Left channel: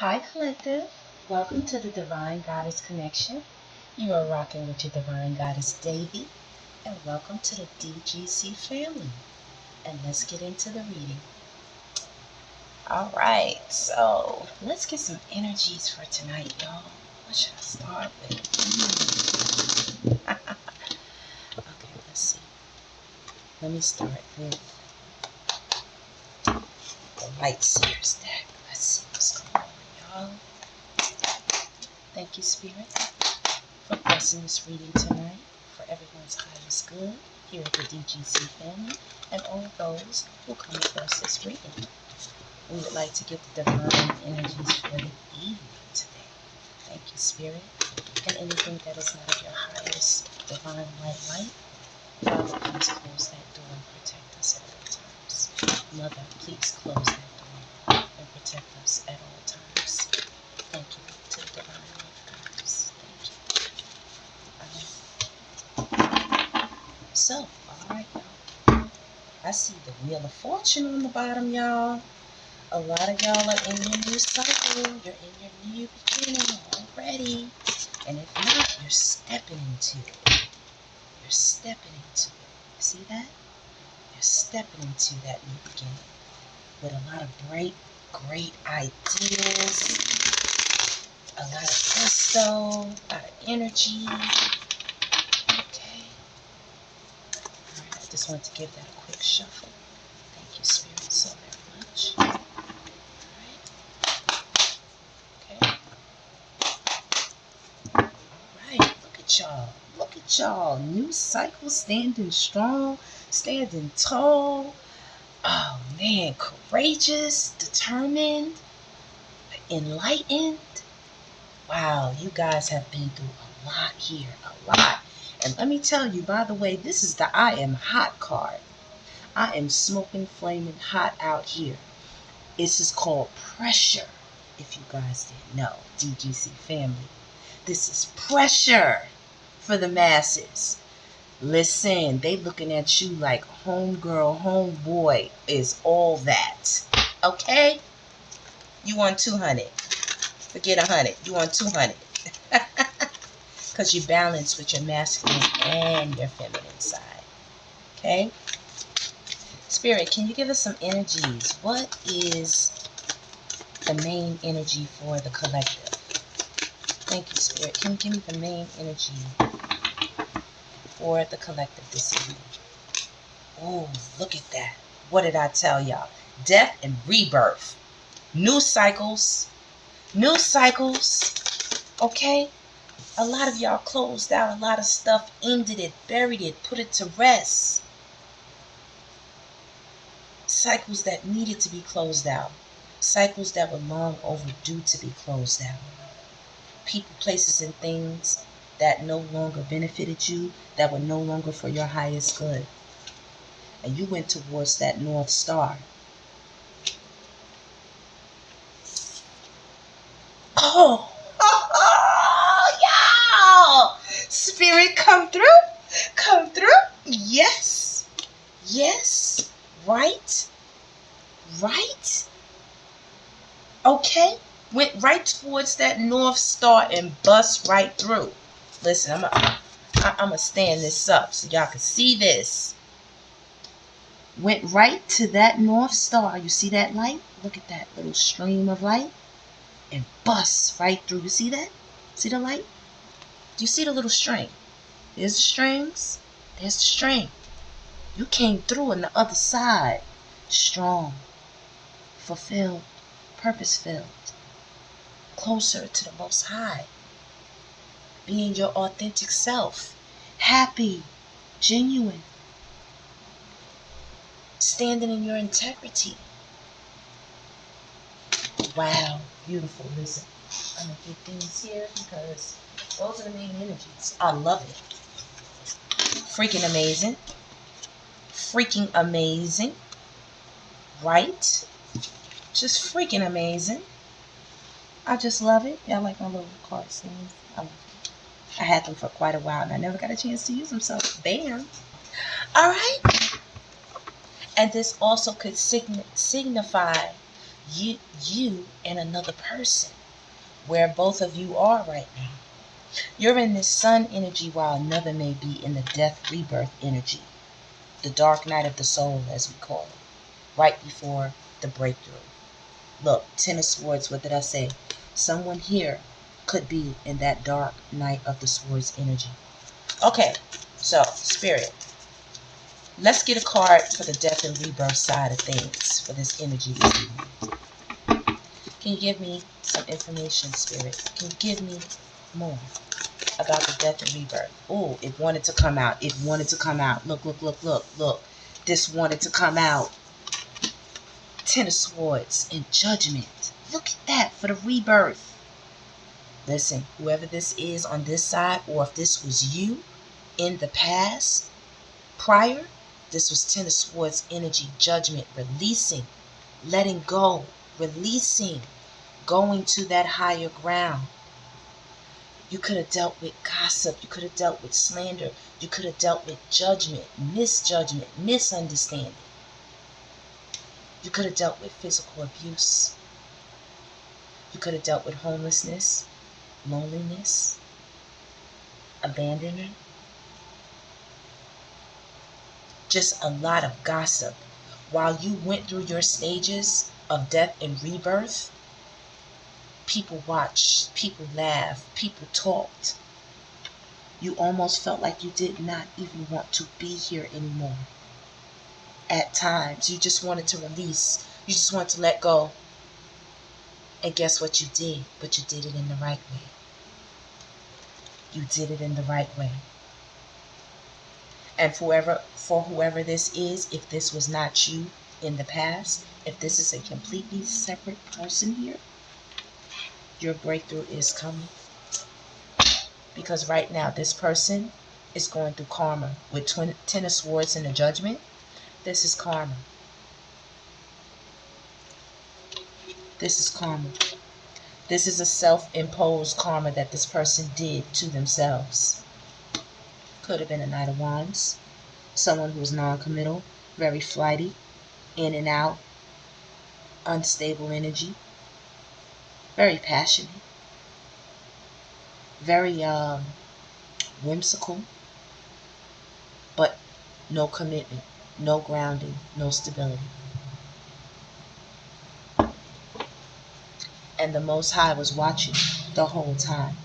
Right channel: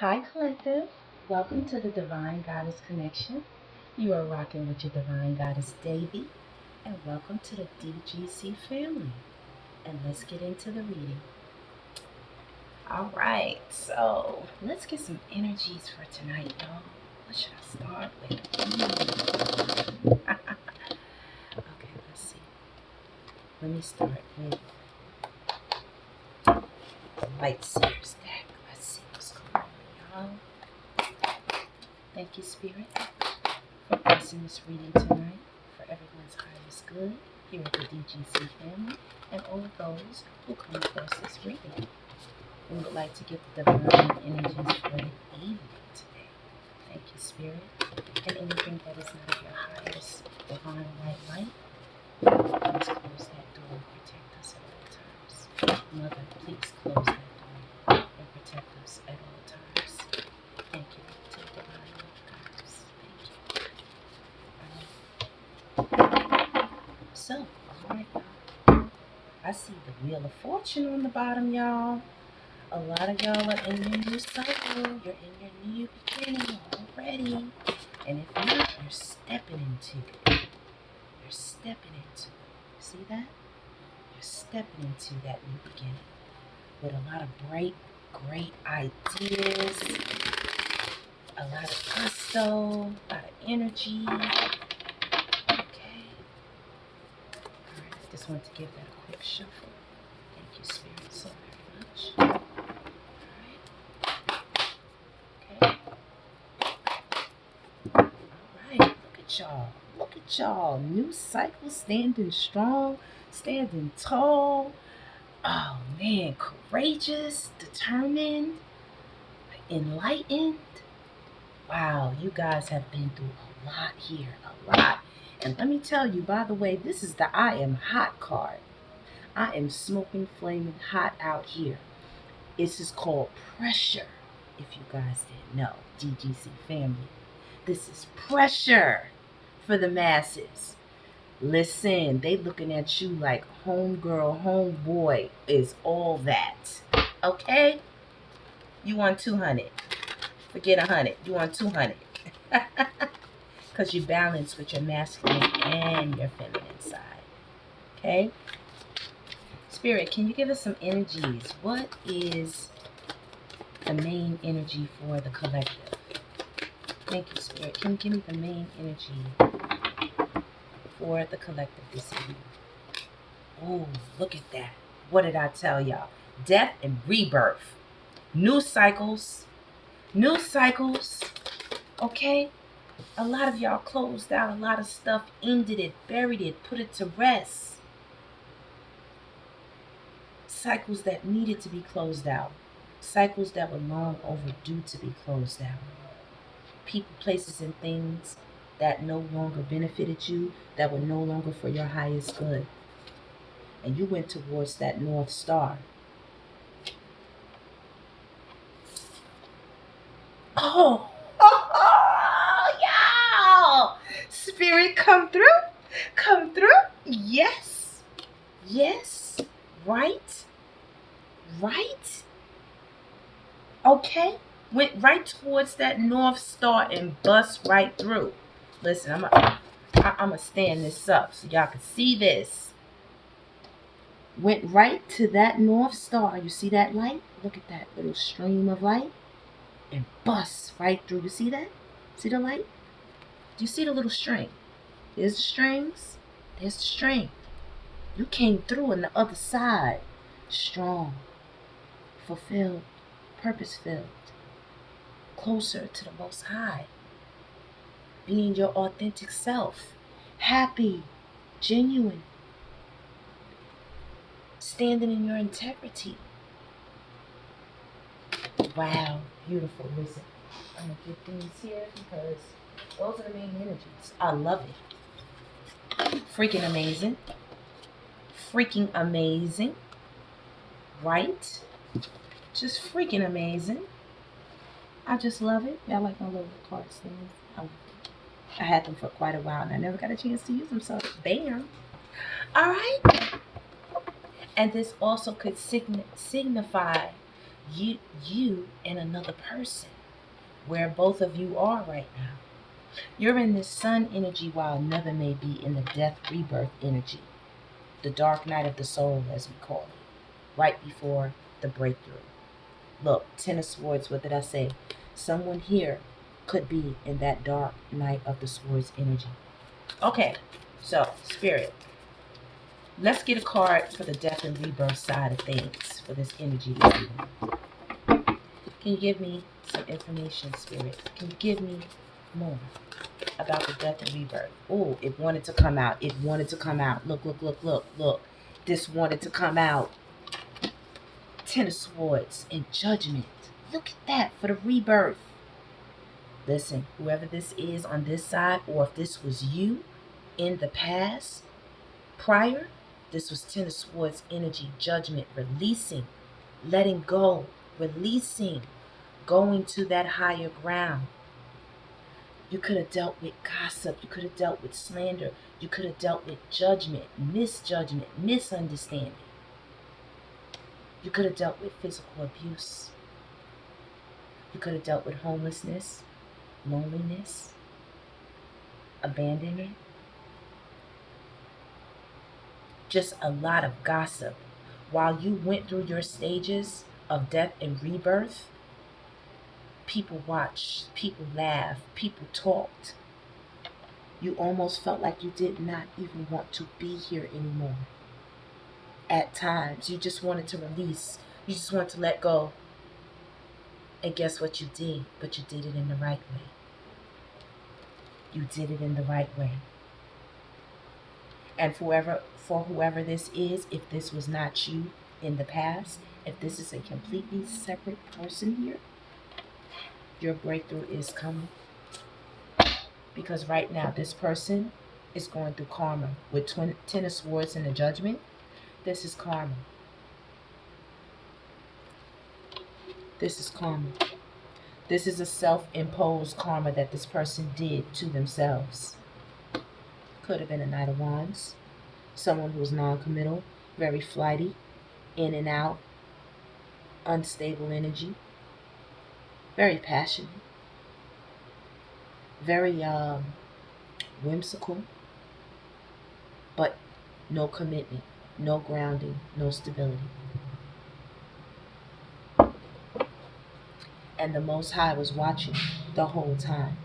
Hi, Collective. Welcome to the Divine Goddess Connection. You are rocking with your Divine Goddess, Davy, and welcome to the DGC family. And let's get into the reading. All right, so let's get some energies for tonight, y'all. What should I start with? Okay, let's see. Let me start with the Light Seers deck. Let's see what's going on, y'all. Thank you, Spirit, for blessing this reading tonight for everyone's highest good here at the DGC family and all those who come across this reading. We would like to give the divine energies for the evening today. Thank you, Spirit. And anything that is not of your highest divine light, please close that door and protect us at all times. Mother, please close that door and protect us at all times. Thank you to the divine guides. Thank you. So, alright, y'all. I see the Wheel of Fortune on the bottom, y'all. A lot of y'all are in your new cycle. You're in your new beginning already. And if not, you're stepping into it. You're stepping into it. See that? You're stepping into that new beginning with a lot of bright, great ideas, a lot of gusto, a lot of energy. Okay. Alright, I just want to give that a quick shuffle. Thank you, Spirit, so very much. Okay. Alright, look at y'all. Look at y'all. New cycle, standing strong, standing tall. Oh man, courageous, determined, enlightened. Wow, you guys have been through a lot here, a lot. And let me tell you, by the way, this is the I am hot card. I am smoking, flaming hot out here. This is called pressure, if you guys didn't know, DGC family. This is pressure for the masses. Listen, they looking at you like homegirl, homeboy is all that. Okay? You want 200. Forget 100. You want 200. Because you balance with your masculine and your feminine side. Okay? Spirit, can you give us some energies? What is the main energy for the collective? Thank you, Spirit. Can you give me the main energy for the collective this evening? Oh, look at that. What did I tell y'all? Death and rebirth. New cycles. New cycles. Okay? A lot of y'all closed out a lot of stuff, ended it, buried it, put it to rest. Cycles that needed to be closed out. Cycles that were long overdue to be closed out. People, places, and things that no longer benefited you, that were no longer for your highest good. And you went towards that North Star. Oh, y'all! Spirit, come through. Come through. Yes. Yes. Right. Right. Okay. Went right towards that North Star and bust right through. Listen, I'm gonna stand this up so y'all can see this. Went right to that North Star. You see that light? Look at that little stream of light. And bust right through. You see that? See the light? Do you see the little string? There's the strings. There's the string. You came through on the other side. Strong. Fulfilled. Purpose-filled. Closer to the Most High. Being your authentic self. Happy. Genuine. Standing in your integrity. Wow. Beautiful. Listen. I'm going to get things here because those are the main energies. I love it. Freaking amazing. Freaking amazing. Right? Just freaking amazing. I just love it. Yeah, I like my little card stands. I had them for quite a while and I never got a chance to use them, so bam. All right. And this also could signify You and another person, where both of you are right now. You're in this sun energy while another may be in the death rebirth energy, the dark night of the soul, as we call it, right before the breakthrough. Look, Ten of Swords, what did I say? Someone here could be in that dark night of the swords energy. Okay, so Spirit, let's get a card for the death and rebirth side of things for this energy this evening. Can you give me some information, Spirit? Can you give me more about the death and rebirth? Oh, it wanted to come out. It wanted to come out. Look, look, look, look, look. This wanted to come out. Ten of Swords and Judgment. Look at that for the rebirth. Listen, whoever this is on this side, or if this was you in the past, prior, this was Ten of Swords energy, judgment, releasing, letting go, releasing, going to that higher ground. You could have dealt with gossip. You could have dealt with slander. You could have dealt with judgment, misjudgment, misunderstanding. You could have dealt with physical abuse. You could have dealt with homelessness, loneliness, abandonment. Just a lot of gossip. While you went through your stages of death and rebirth, people watched, people laughed, people talked. You almost felt like you did not even want to be here anymore. At times, you just wanted to release. You just wanted to let go. And guess what you did? But you did it in the right way. You did it in the right way. And for whoever this is, if this was not you in the past, if this is a completely separate person here, your breakthrough is coming. Because right now, this person is going through karma. With Ten of Swords and the Judgment, this is karma. This is karma. This is a self-imposed karma that this person did to themselves. Could have been a Knight of Wands. Someone who was non-committal, very flighty, in and out, unstable energy, very passionate, very whimsical, but no commitment, no grounding, no stability. And the Most High was watching the whole time,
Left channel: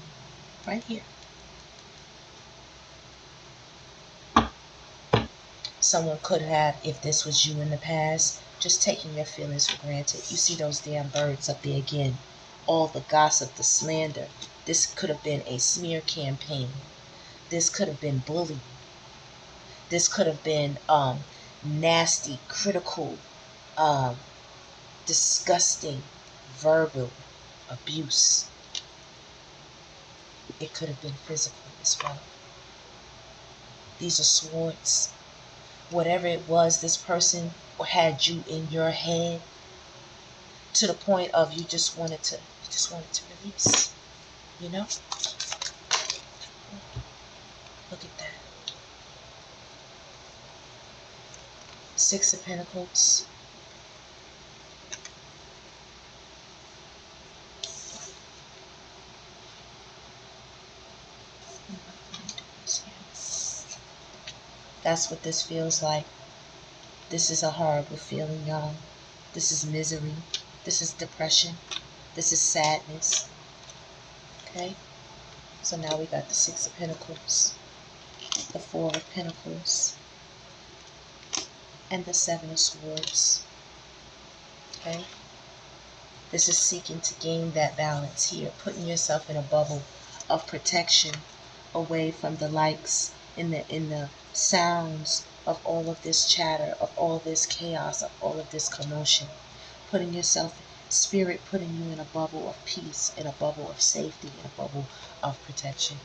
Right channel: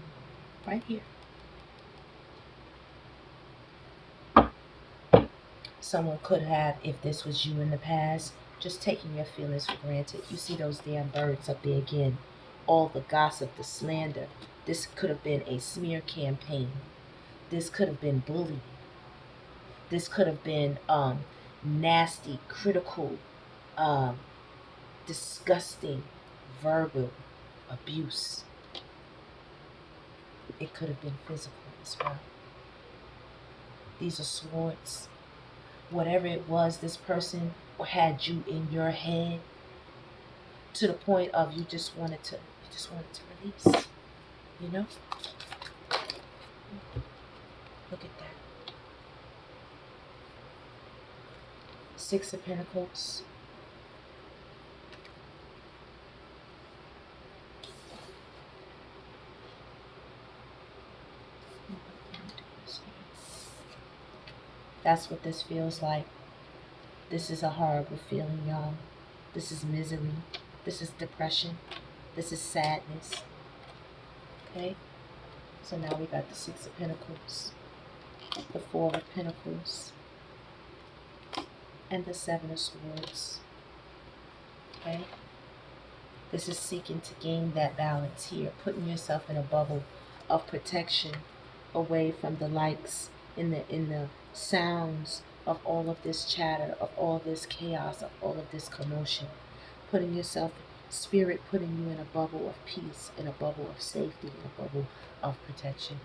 right here. Someone could have, if this was you in the past, just taking your feelings for granted. You see those damn birds up there again. All the gossip, the slander. This could have been a smear campaign. This could have been bullying. This could have been nasty, critical, disgusting, verbal abuse. It could have been physical as well. These are swords. Whatever it was, this person had you in your head to the point of you just wanted to release. You know? Look at that. Six of Pentacles. That's what this feels like. This is a horrible feeling, y'all. This is misery. This is depression. This is sadness. Okay? So now we got the Six of Pentacles, the Four of Pentacles, and the Seven of Swords. Okay? This is seeking to gain that balance here, putting yourself in a bubble of protection away from the likes, in the sounds of all of this chatter, of all this chaos, of all of this commotion. Putting yourself, Spirit putting you in a bubble of peace, in a bubble of safety, in a bubble of protection.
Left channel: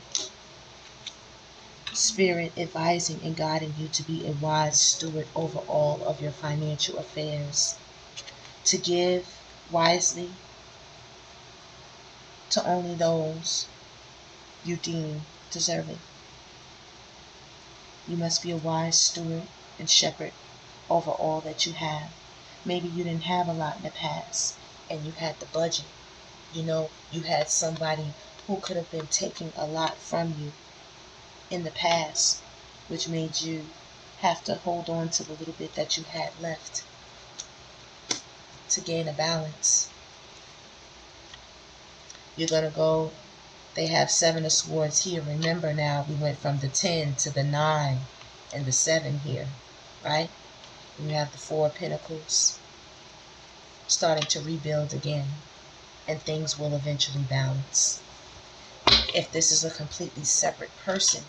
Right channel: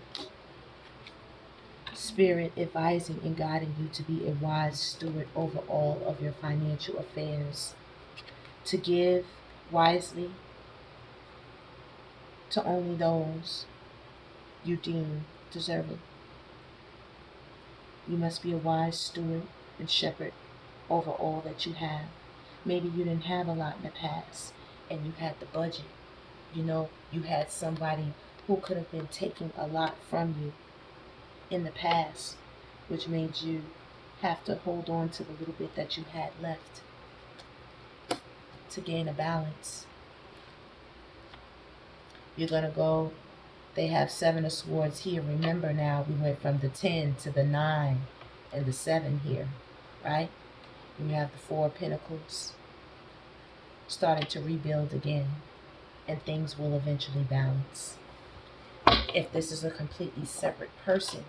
Spirit advising and guiding you to be a wise steward over all of your financial affairs. To give wisely to only those you deem deserving. You must be a wise steward and shepherd over all that you have. Maybe you didn't have a lot in the past. and you had the budget. You know, you had somebody who could have been taking a lot from you in the past, which made you have to hold on to the little bit that you had left to gain a balance. You're going to go, they have 7 of Swords here. Remember now, we went from the 10 to the 9 and the 7 here, right? You have the 4 of Pentacles starting to rebuild again, and things will eventually balance. If this is a completely separate person,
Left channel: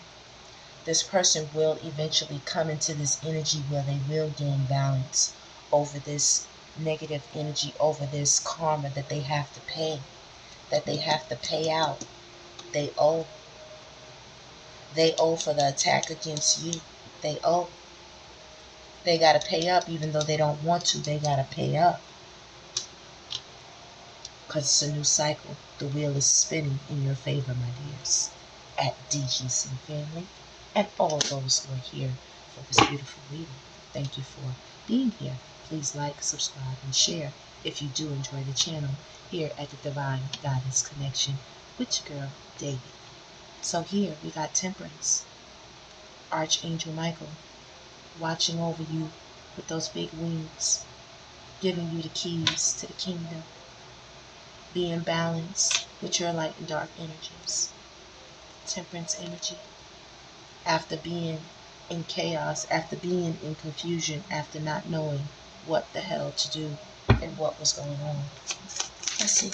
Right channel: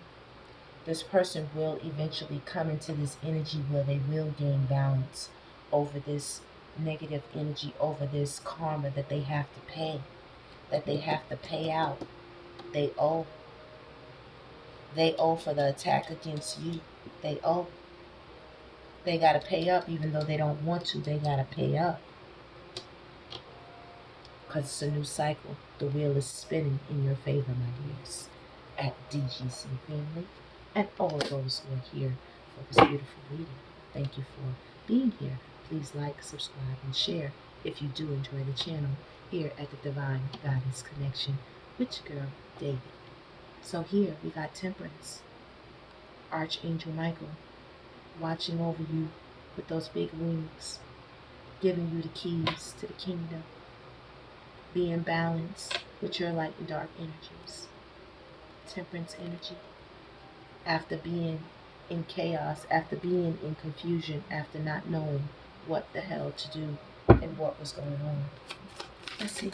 this person will eventually come into this energy where they will gain balance over this negative energy, over this karma that they have to pay, that they have to pay out. They owe. They owe for the attack against you. They owe. They got to pay up even though they don't want to. They got to pay up. Because it's a new cycle. The wheel is spinning in your favor, my dears. At DGC Family. And all those who are here for this beautiful reading. Thank you for being here. Please like, subscribe, and share if you do enjoy the channel here at the Divine Guidance Connection with your girl, DEVI. So here we got Temperance. Archangel Michael watching over you with those big wings, giving you the keys to the kingdom. Be in balance with your light and dark energies. Temperance energy. After being in chaos, after being in confusion, after not knowing what the hell to do and what was going on. Let's see.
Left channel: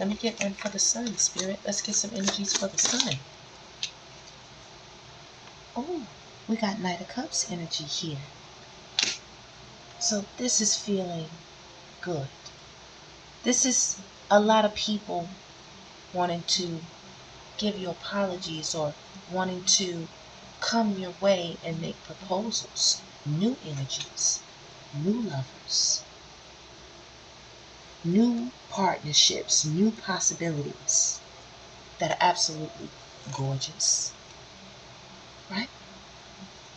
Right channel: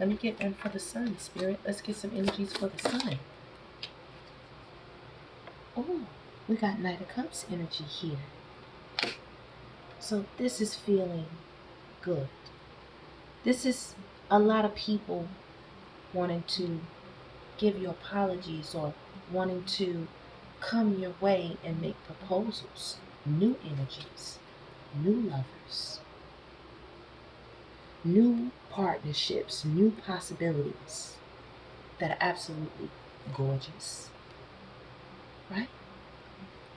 Let me get one for the sun, Spirit. Let's get some energies for the sun. Oh, we got Knight of Cups energy here. So this is feeling good. This is a lot of people wanting to give you apologies or wanting to come your way and make proposals. New energies, new lovers, new partnerships, new possibilities that are absolutely gorgeous. Right?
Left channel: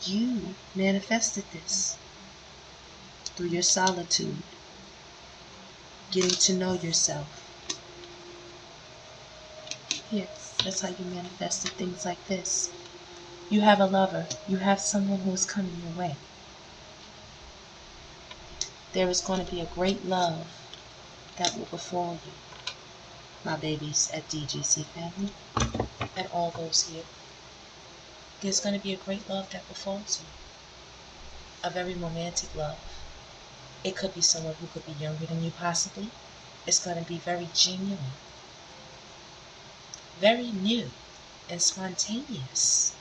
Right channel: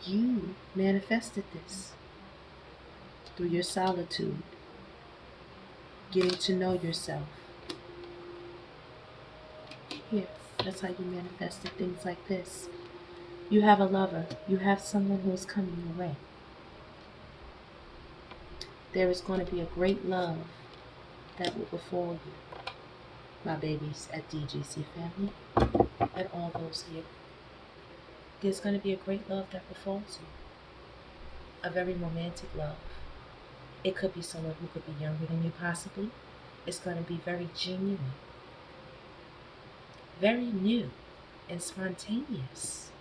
You manifested this through your solitude, getting to know yourself. Here, that's how you manifested things like this. You have a lover. You have someone who is coming your way. There is going to be a great love that will befall you, my babies at DGC Family, and all those here. There's going to be a great love that befalls you. A very romantic love. It could be someone who could be younger than you possibly. It's going to be very genuine, very new and spontaneous.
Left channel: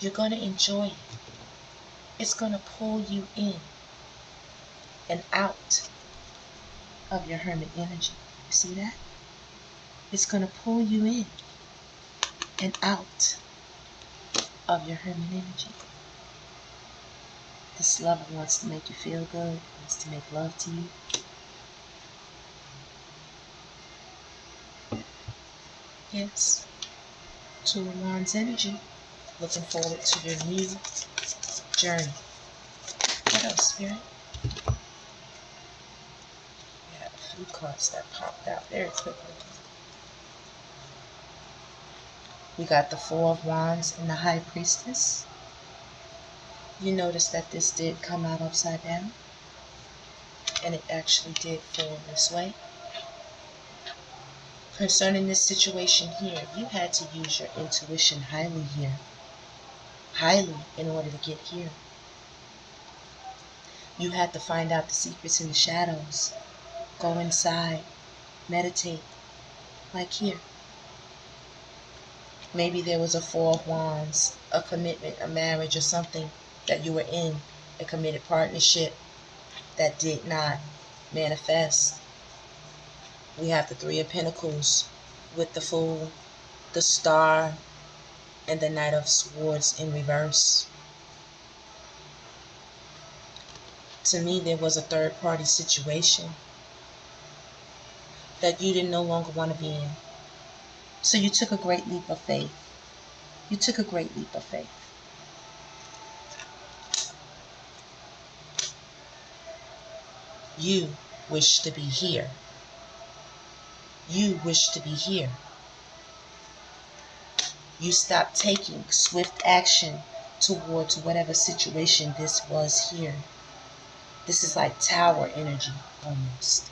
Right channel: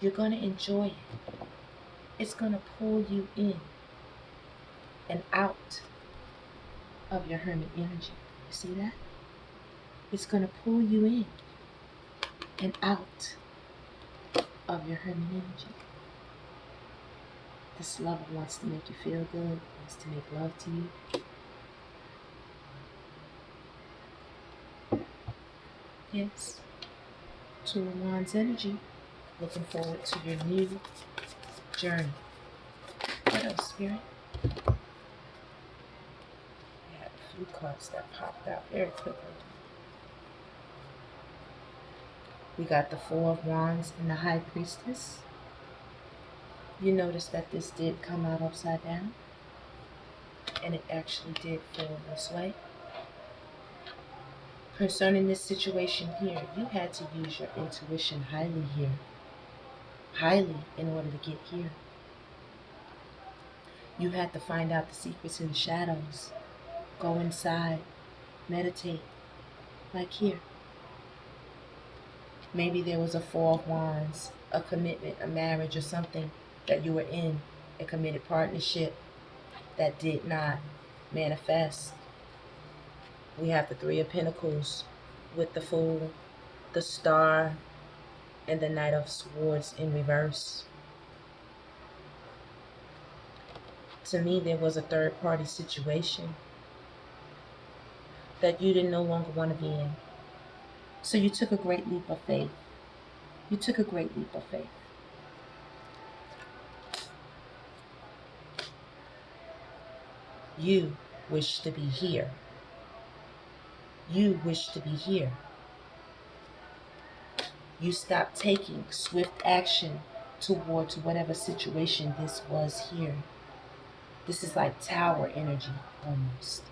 You're going to enjoy it. It's going to pull you in and out of your hermit energy. You see that? It's going to pull you in and out of your hermit energy. This lover wants to make you feel good, wants to make love to you. Yes. 2 of Wands energy. Looking forward to your new journey. What else, Spirit? We have a few cards that popped out very quickly. We got the 4 of Wands and the High Priestess. You notice that this did come out upside down, and it actually did fall this way. Concerning this situation here, you had to use your intuition highly here. Highly in order to get here. You had to find out the secrets in the shadows. Go inside. Meditate. Like here. Maybe there was a 4 of Wands, a commitment, a marriage, or something that you were in, a committed partnership that did not manifest. We have the 3 of Pentacles with the Fool, the Star, and the Knight of Swords in reverse. To me, there was a third-party situation that you didn't no longer want to be in. So you took a great leap of faith. You took a great leap of faith. You wish to be here. You wish to be here. You stop taking swift action towards whatever situation this was here. This is like tower energy, almost.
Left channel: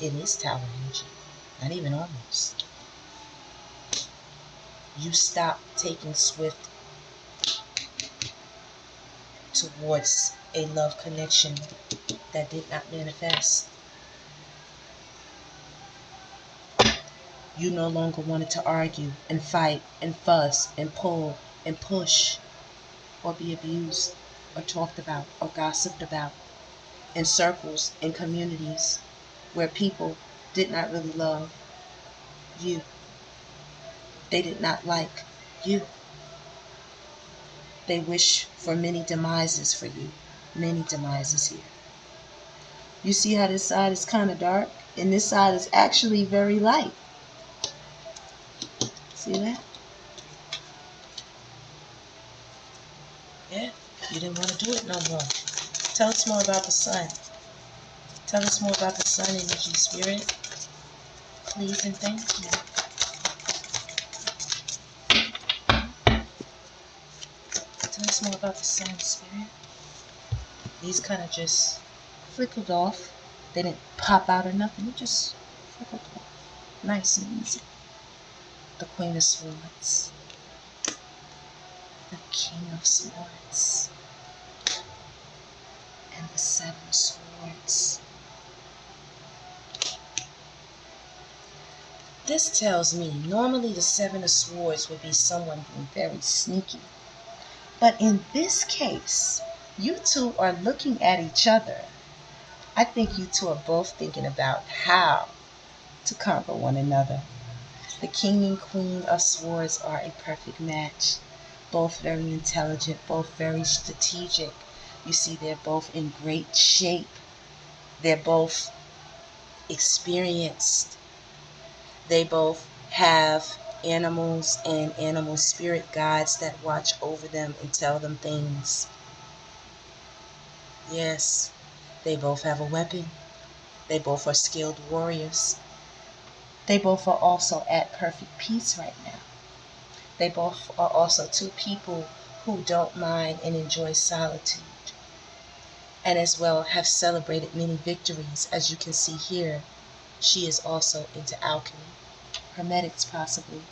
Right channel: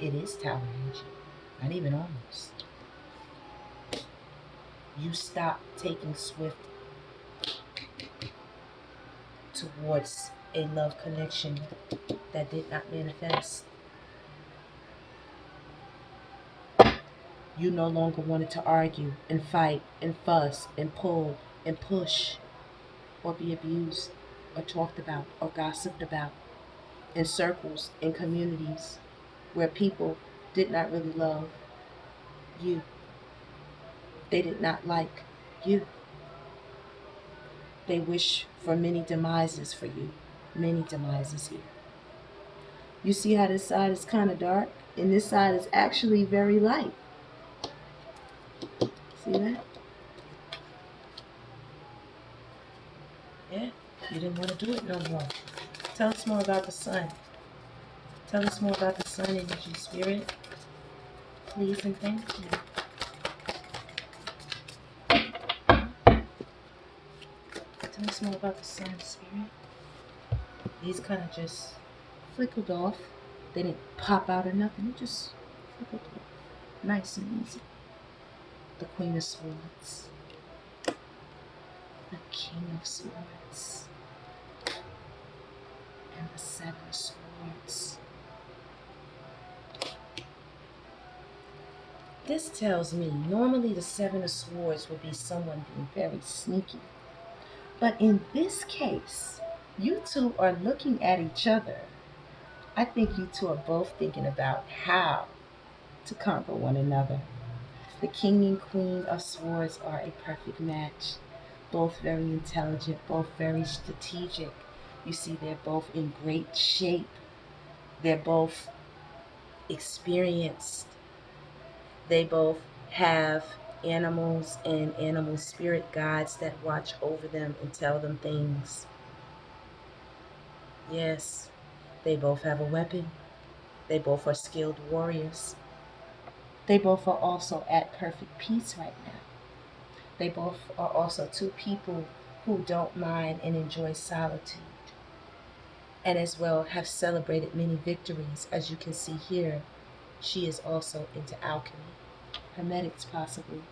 It is tower energy, not even almost. You stop taking swift towards a love connection that did not manifest. You no longer wanted to argue and fight and fuss and pull and push or be abused or talked about or gossiped about in circles and communities where people did not really love you. They did not like you. They wish for many demises for you. Many demises here. You see how this side is kind of dark? And this side is actually very light. See that? Yeah, you didn't want to do it no more. Tell us more about the sun. Tell us more about the sun energy, spirit. Please and thank you. Tell us more about the sun, spirit. These kind of just flickered off. They didn't pop out or nothing. It just flickered off. Nice and easy. The Queen of Swords. The King of Swords. And the Seven of Swords. This tells me normally the Seven of Swords would be someone being very sneaky. But in this case, you two are looking at each other. I think you two are both thinking about how to conquer one another. The King and Queen of Swords are a perfect match. Both very intelligent, both very strategic. You see, they're both in great shape. They're both experienced. They both have animals and animal spirit guides that watch over them and tell them things. Yes, they both have a weapon. They both are skilled warriors. They both are also at perfect peace right now. They both are also two people who don't mind and enjoy solitude. And as well have celebrated many victories. As you can see here, she is also into alchemy. Hermetics possibly.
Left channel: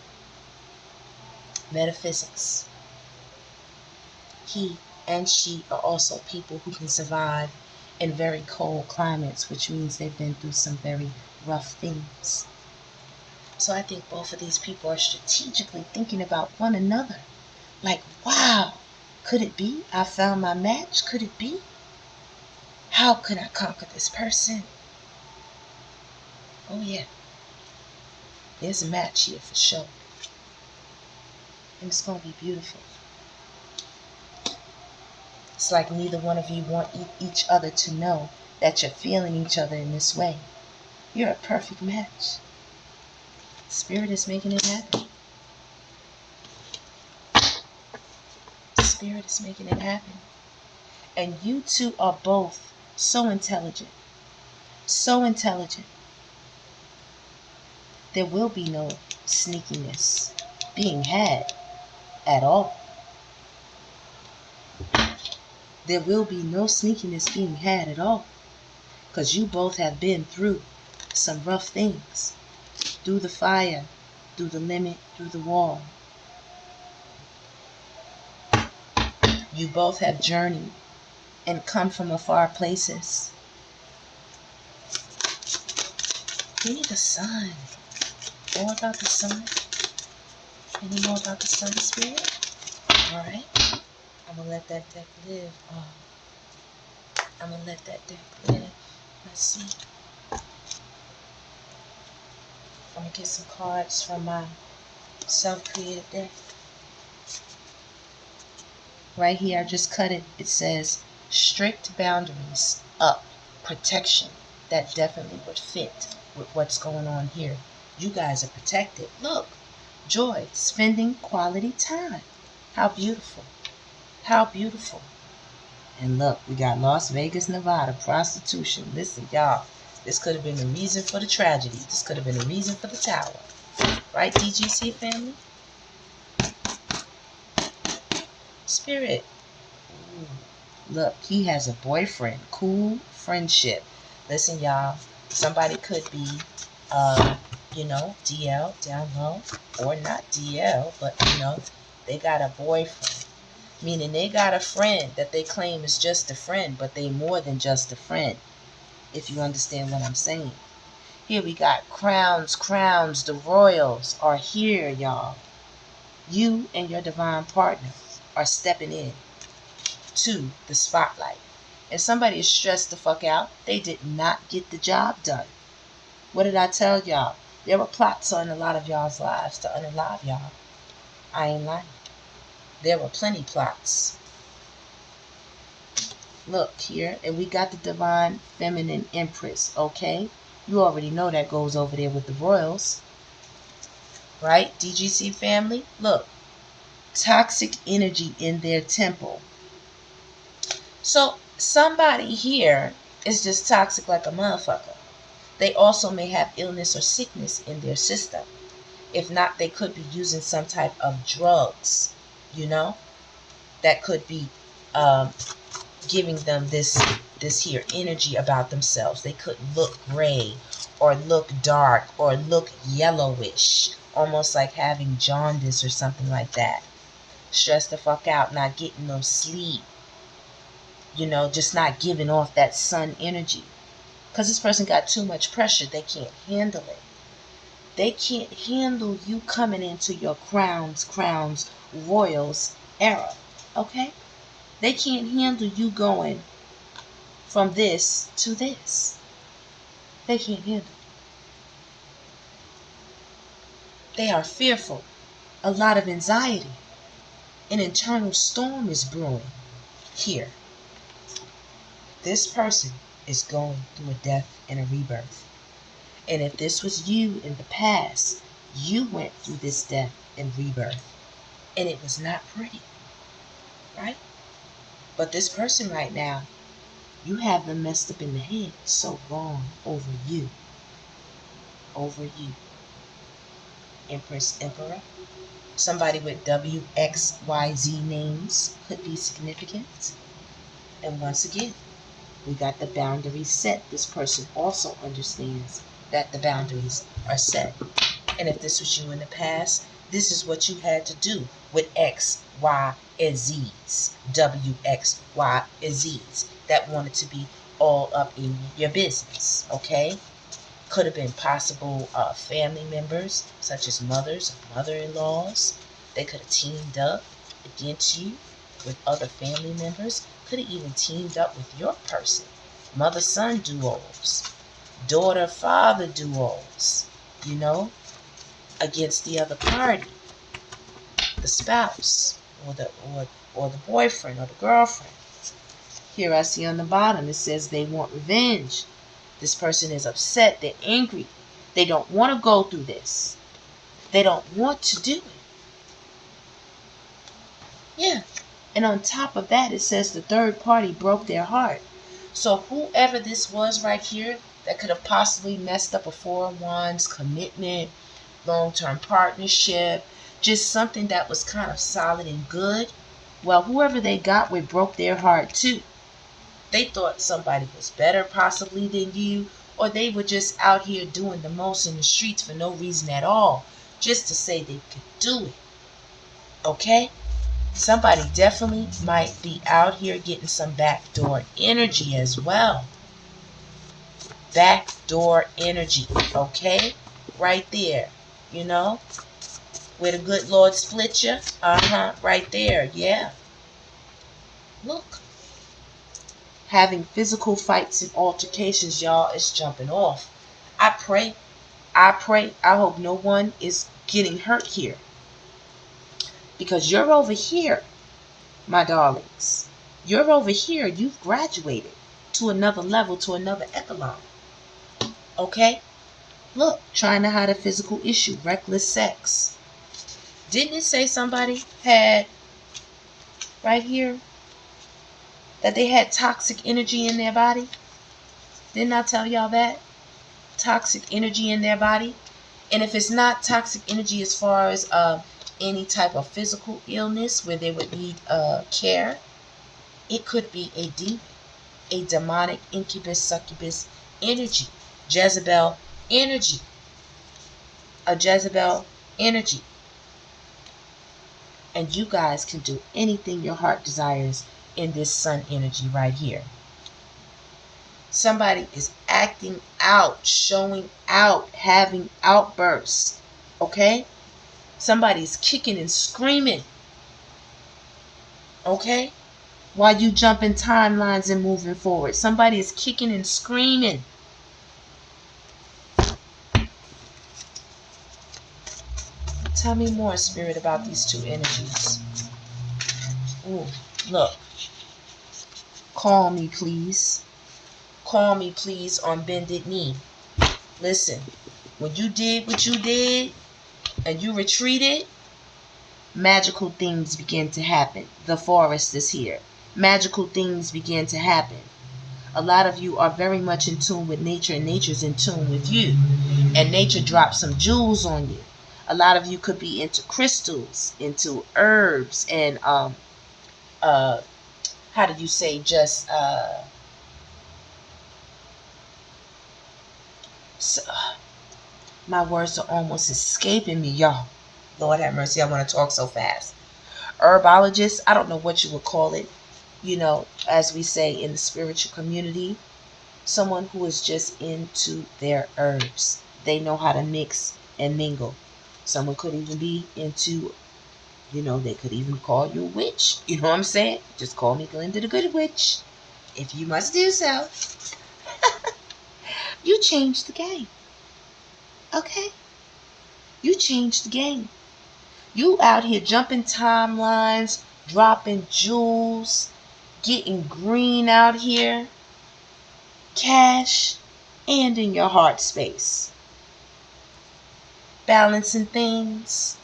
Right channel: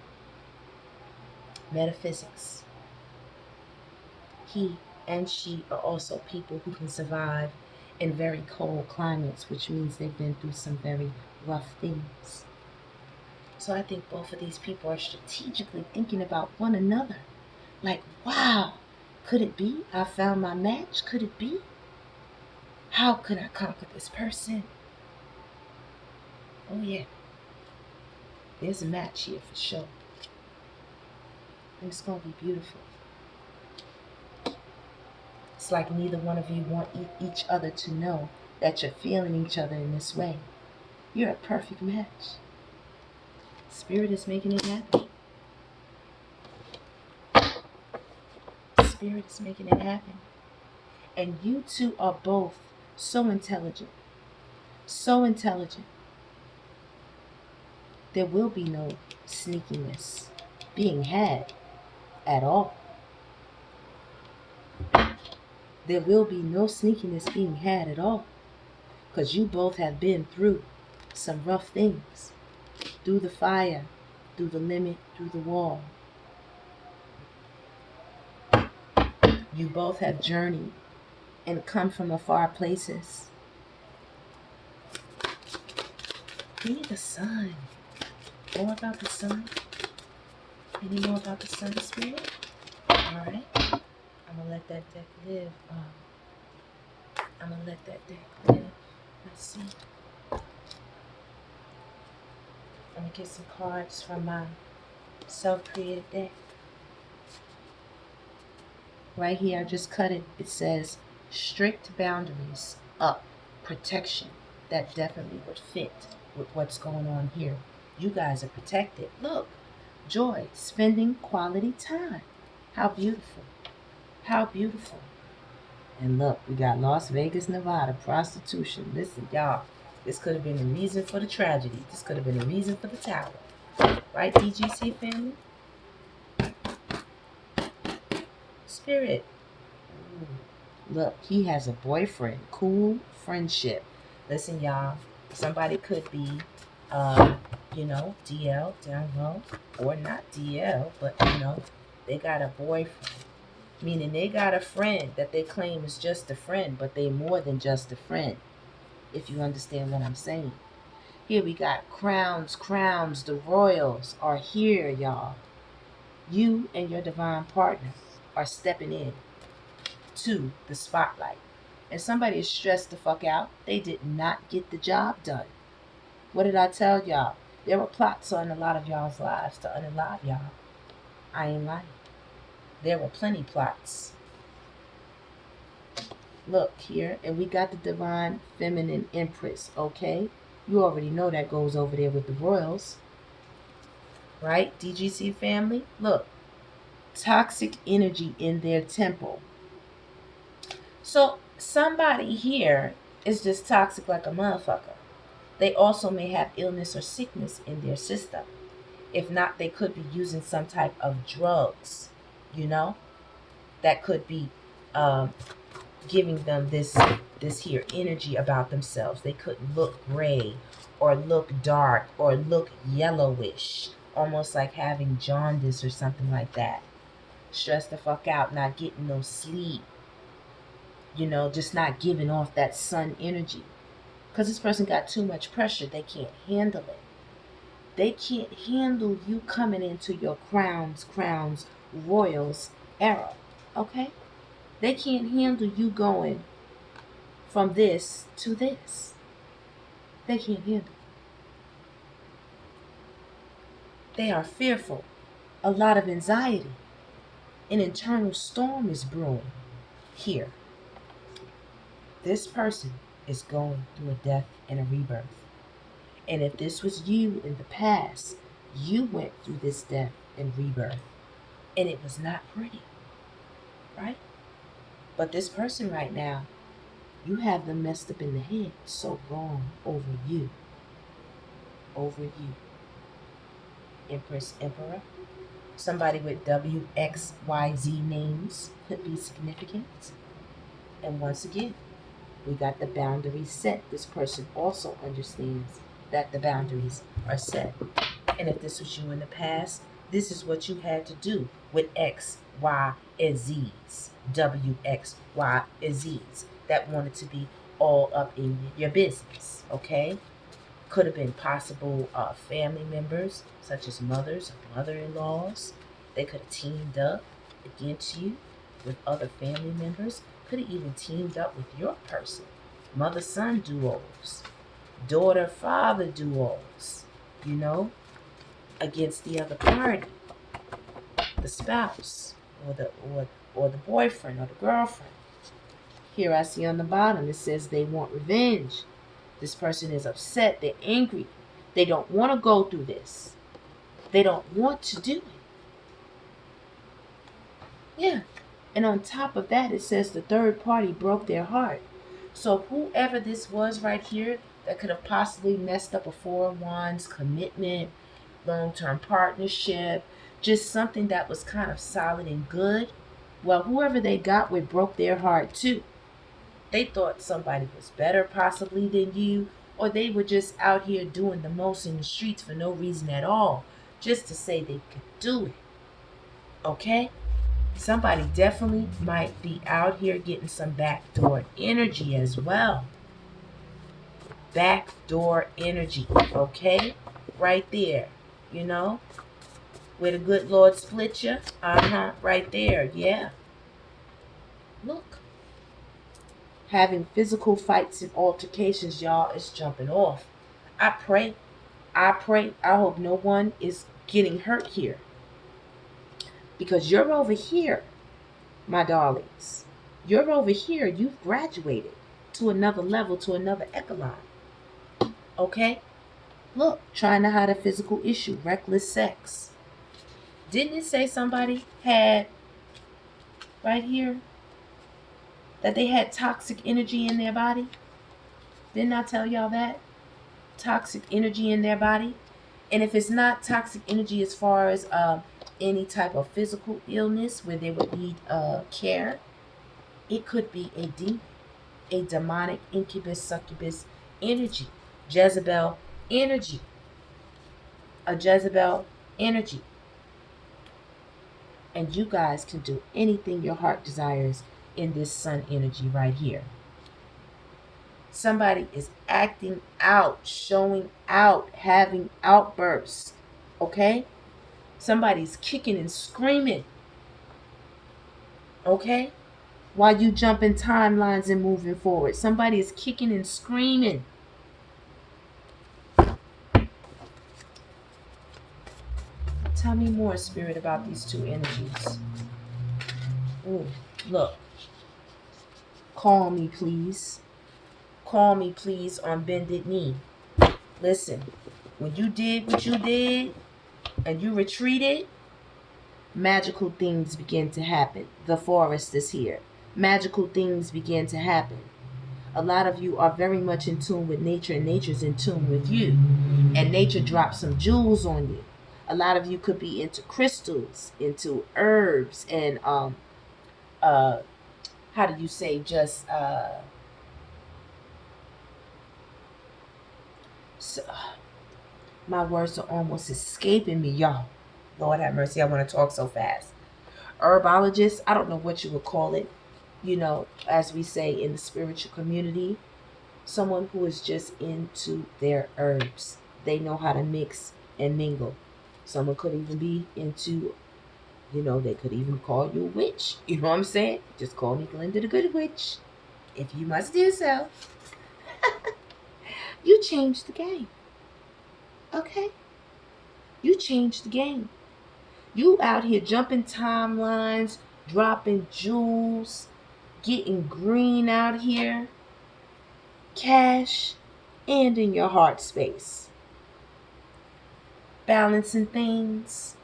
Metaphysics. He and she are also people who can survive in very cold climates, which means they've been through some very rough things. So I think both of these people are strategically thinking about one another. Like, wow, could it be? I found my match. Could it be? How could I conquer this person? Oh yeah, there's a match here for sure. And it's going to be beautiful. It's like neither one of you want each other to know that you're feeling each other in this way. You're a perfect match. Spirit is making it happen. Spirit is making it happen. And you two are both so intelligent. So intelligent. There will be no sneakiness being had at all. There will be no sneakiness being had at all. Because you both have been through some rough things. Through the fire, through the limit, through the wall. You both have journeyed and come from afar places. Give me the sun. More about the sun? Any more about the sun, spirit? Alright. I'm going to let that deck live. I'm going to let that deck live. Let's see. I'm going to get some cards from my self-created deck. Right here, I just cut it. It says, strict boundaries up. Protection. That definitely would fit with what's going on here. You guys are protected. Look. Joy. Spending quality time. How beautiful. How beautiful. And look, we got Las Vegas, Nevada, prostitution. Listen, y'all, this could have been the reason for the tragedy. This could have been the reason for the tower. Right, DGC family? Spirit. Ooh. Look, he has a boyfriend. Cool friendship. Listen, y'all, somebody could be, DL down low, or not DL, but, they got a boyfriend. Meaning they got a friend that they claim is just a friend, but they more than just a friend, if you understand what I'm saying. Here we got crowns, the royals are here, y'all. You and your divine partner are stepping in to the spotlight. And somebody is stressed the fuck out. They did not get the job done. What did I tell y'all? There were plots on a lot of y'all's lives to unalive y'all. I ain't lying. There were plenty plots. Look here, and we got the divine feminine empress, okay? You already know that goes over there with the royals. Right, DGC family? Look, toxic energy in their temple. So somebody here is just toxic like a motherfucker. They also may have illness or sickness in their system. If not, they could be using some type of drugs, that could be giving them this here energy about themselves. They could look gray or look dark or look yellowish, almost like having jaundice or something like that. Stressed the fuck out, not getting no sleep, just not giving off that sun energy. Because this person got too much pressure. They can't handle it. They can't handle you coming into your crowns, royals era. Okay? They can't handle you going from this to this. They can't handle it. They are fearful. A lot of anxiety. An internal storm is brewing here. This person is going through a death and a rebirth. And if this was you in the past, you went through this death and rebirth. And it was not pretty. Right? But this person right now, you have them messed up in the head so wrong over you. Over you. Empress, Emperor. Somebody with WXYZ names could be significant. And once again, we got the boundaries set. This person also understands that the boundaries are set. And if this was you in the past, this is what you had to do with X, Y, and Z's. W, X, Y, and Z's that wanted to be all up in your business. Okay? Could have been possible family members, such as mothers or mother-in-laws. They could have teamed up against you with other family members. Could have even teamed up with your person. Mother-son duos. Daughter-father duos. Against the other party. The spouse. Or the boyfriend or the girlfriend. Here I see on the bottom it says they want revenge. This person is upset. They're angry. They don't want to go through this. They don't want to do it. Yeah. And on top of that, it says the third party broke their heart. So whoever this was right here that could have possibly messed up a 4 of Wands commitment, long-term partnership, just something that was kind of solid and good. Well, whoever they got with broke their heart too. They thought somebody was better possibly than you, or they were just out here doing the most in the streets for no reason at all, just to say they could do it. Okay? Somebody definitely might be out here getting some backdoor energy as well. Backdoor energy, okay? Right there, where the good Lord split you. Right there, yeah. Look. Having physical fights and altercations, y'all, is jumping off. I pray, I hope no one is getting hurt here. Because you're over here, my darlings. You're over here. You've graduated to another level, to another echelon. Okay? Look, trying to hide a physical issue, reckless sex. Didn't it say somebody had, right here, That they had toxic energy in their body? Didn't I tell y'all that? Toxic energy in their body. And if it's not toxic energy as far as any type of physical illness where they would need care, it could be a demon, a demonic incubus, succubus energy, Jezebel energy, a Jezebel energy. And you guys can do anything your heart desires in this sun energy right here. Somebody is acting out, showing out, having outbursts. Okay? Somebody's kicking and screaming. Okay? While you jumping timelines and moving forward. Somebody is kicking and screaming. Tell me more, Spirit, about these two energies. Ooh, look. Call me, please. Call me, please, on bended knee. Listen, when you did what you did and you retreated, magical things begin to happen. The forest is here. Magical things begin to happen. A lot of you are very much in tune with nature, and nature's in tune with you. And nature drops some jewels on you. A lot of you could be into crystals, into herbs, and how do you say, just my words are almost escaping me, y'all. Lord have mercy, I want to talk so fast. Herbologist, I don't know what you would call it, as we say in the spiritual community, someone who is just into their herbs. They know how to mix and mingle. Someone could even be into, they could even call you a witch. You know what I'm saying? Just call me Glenda the Good Witch, if you must do so. You changed the game. Okay? You changed the game. You out here jumping timelines, dropping jewels, getting green out here, cash, and in your heart space. Balancing things.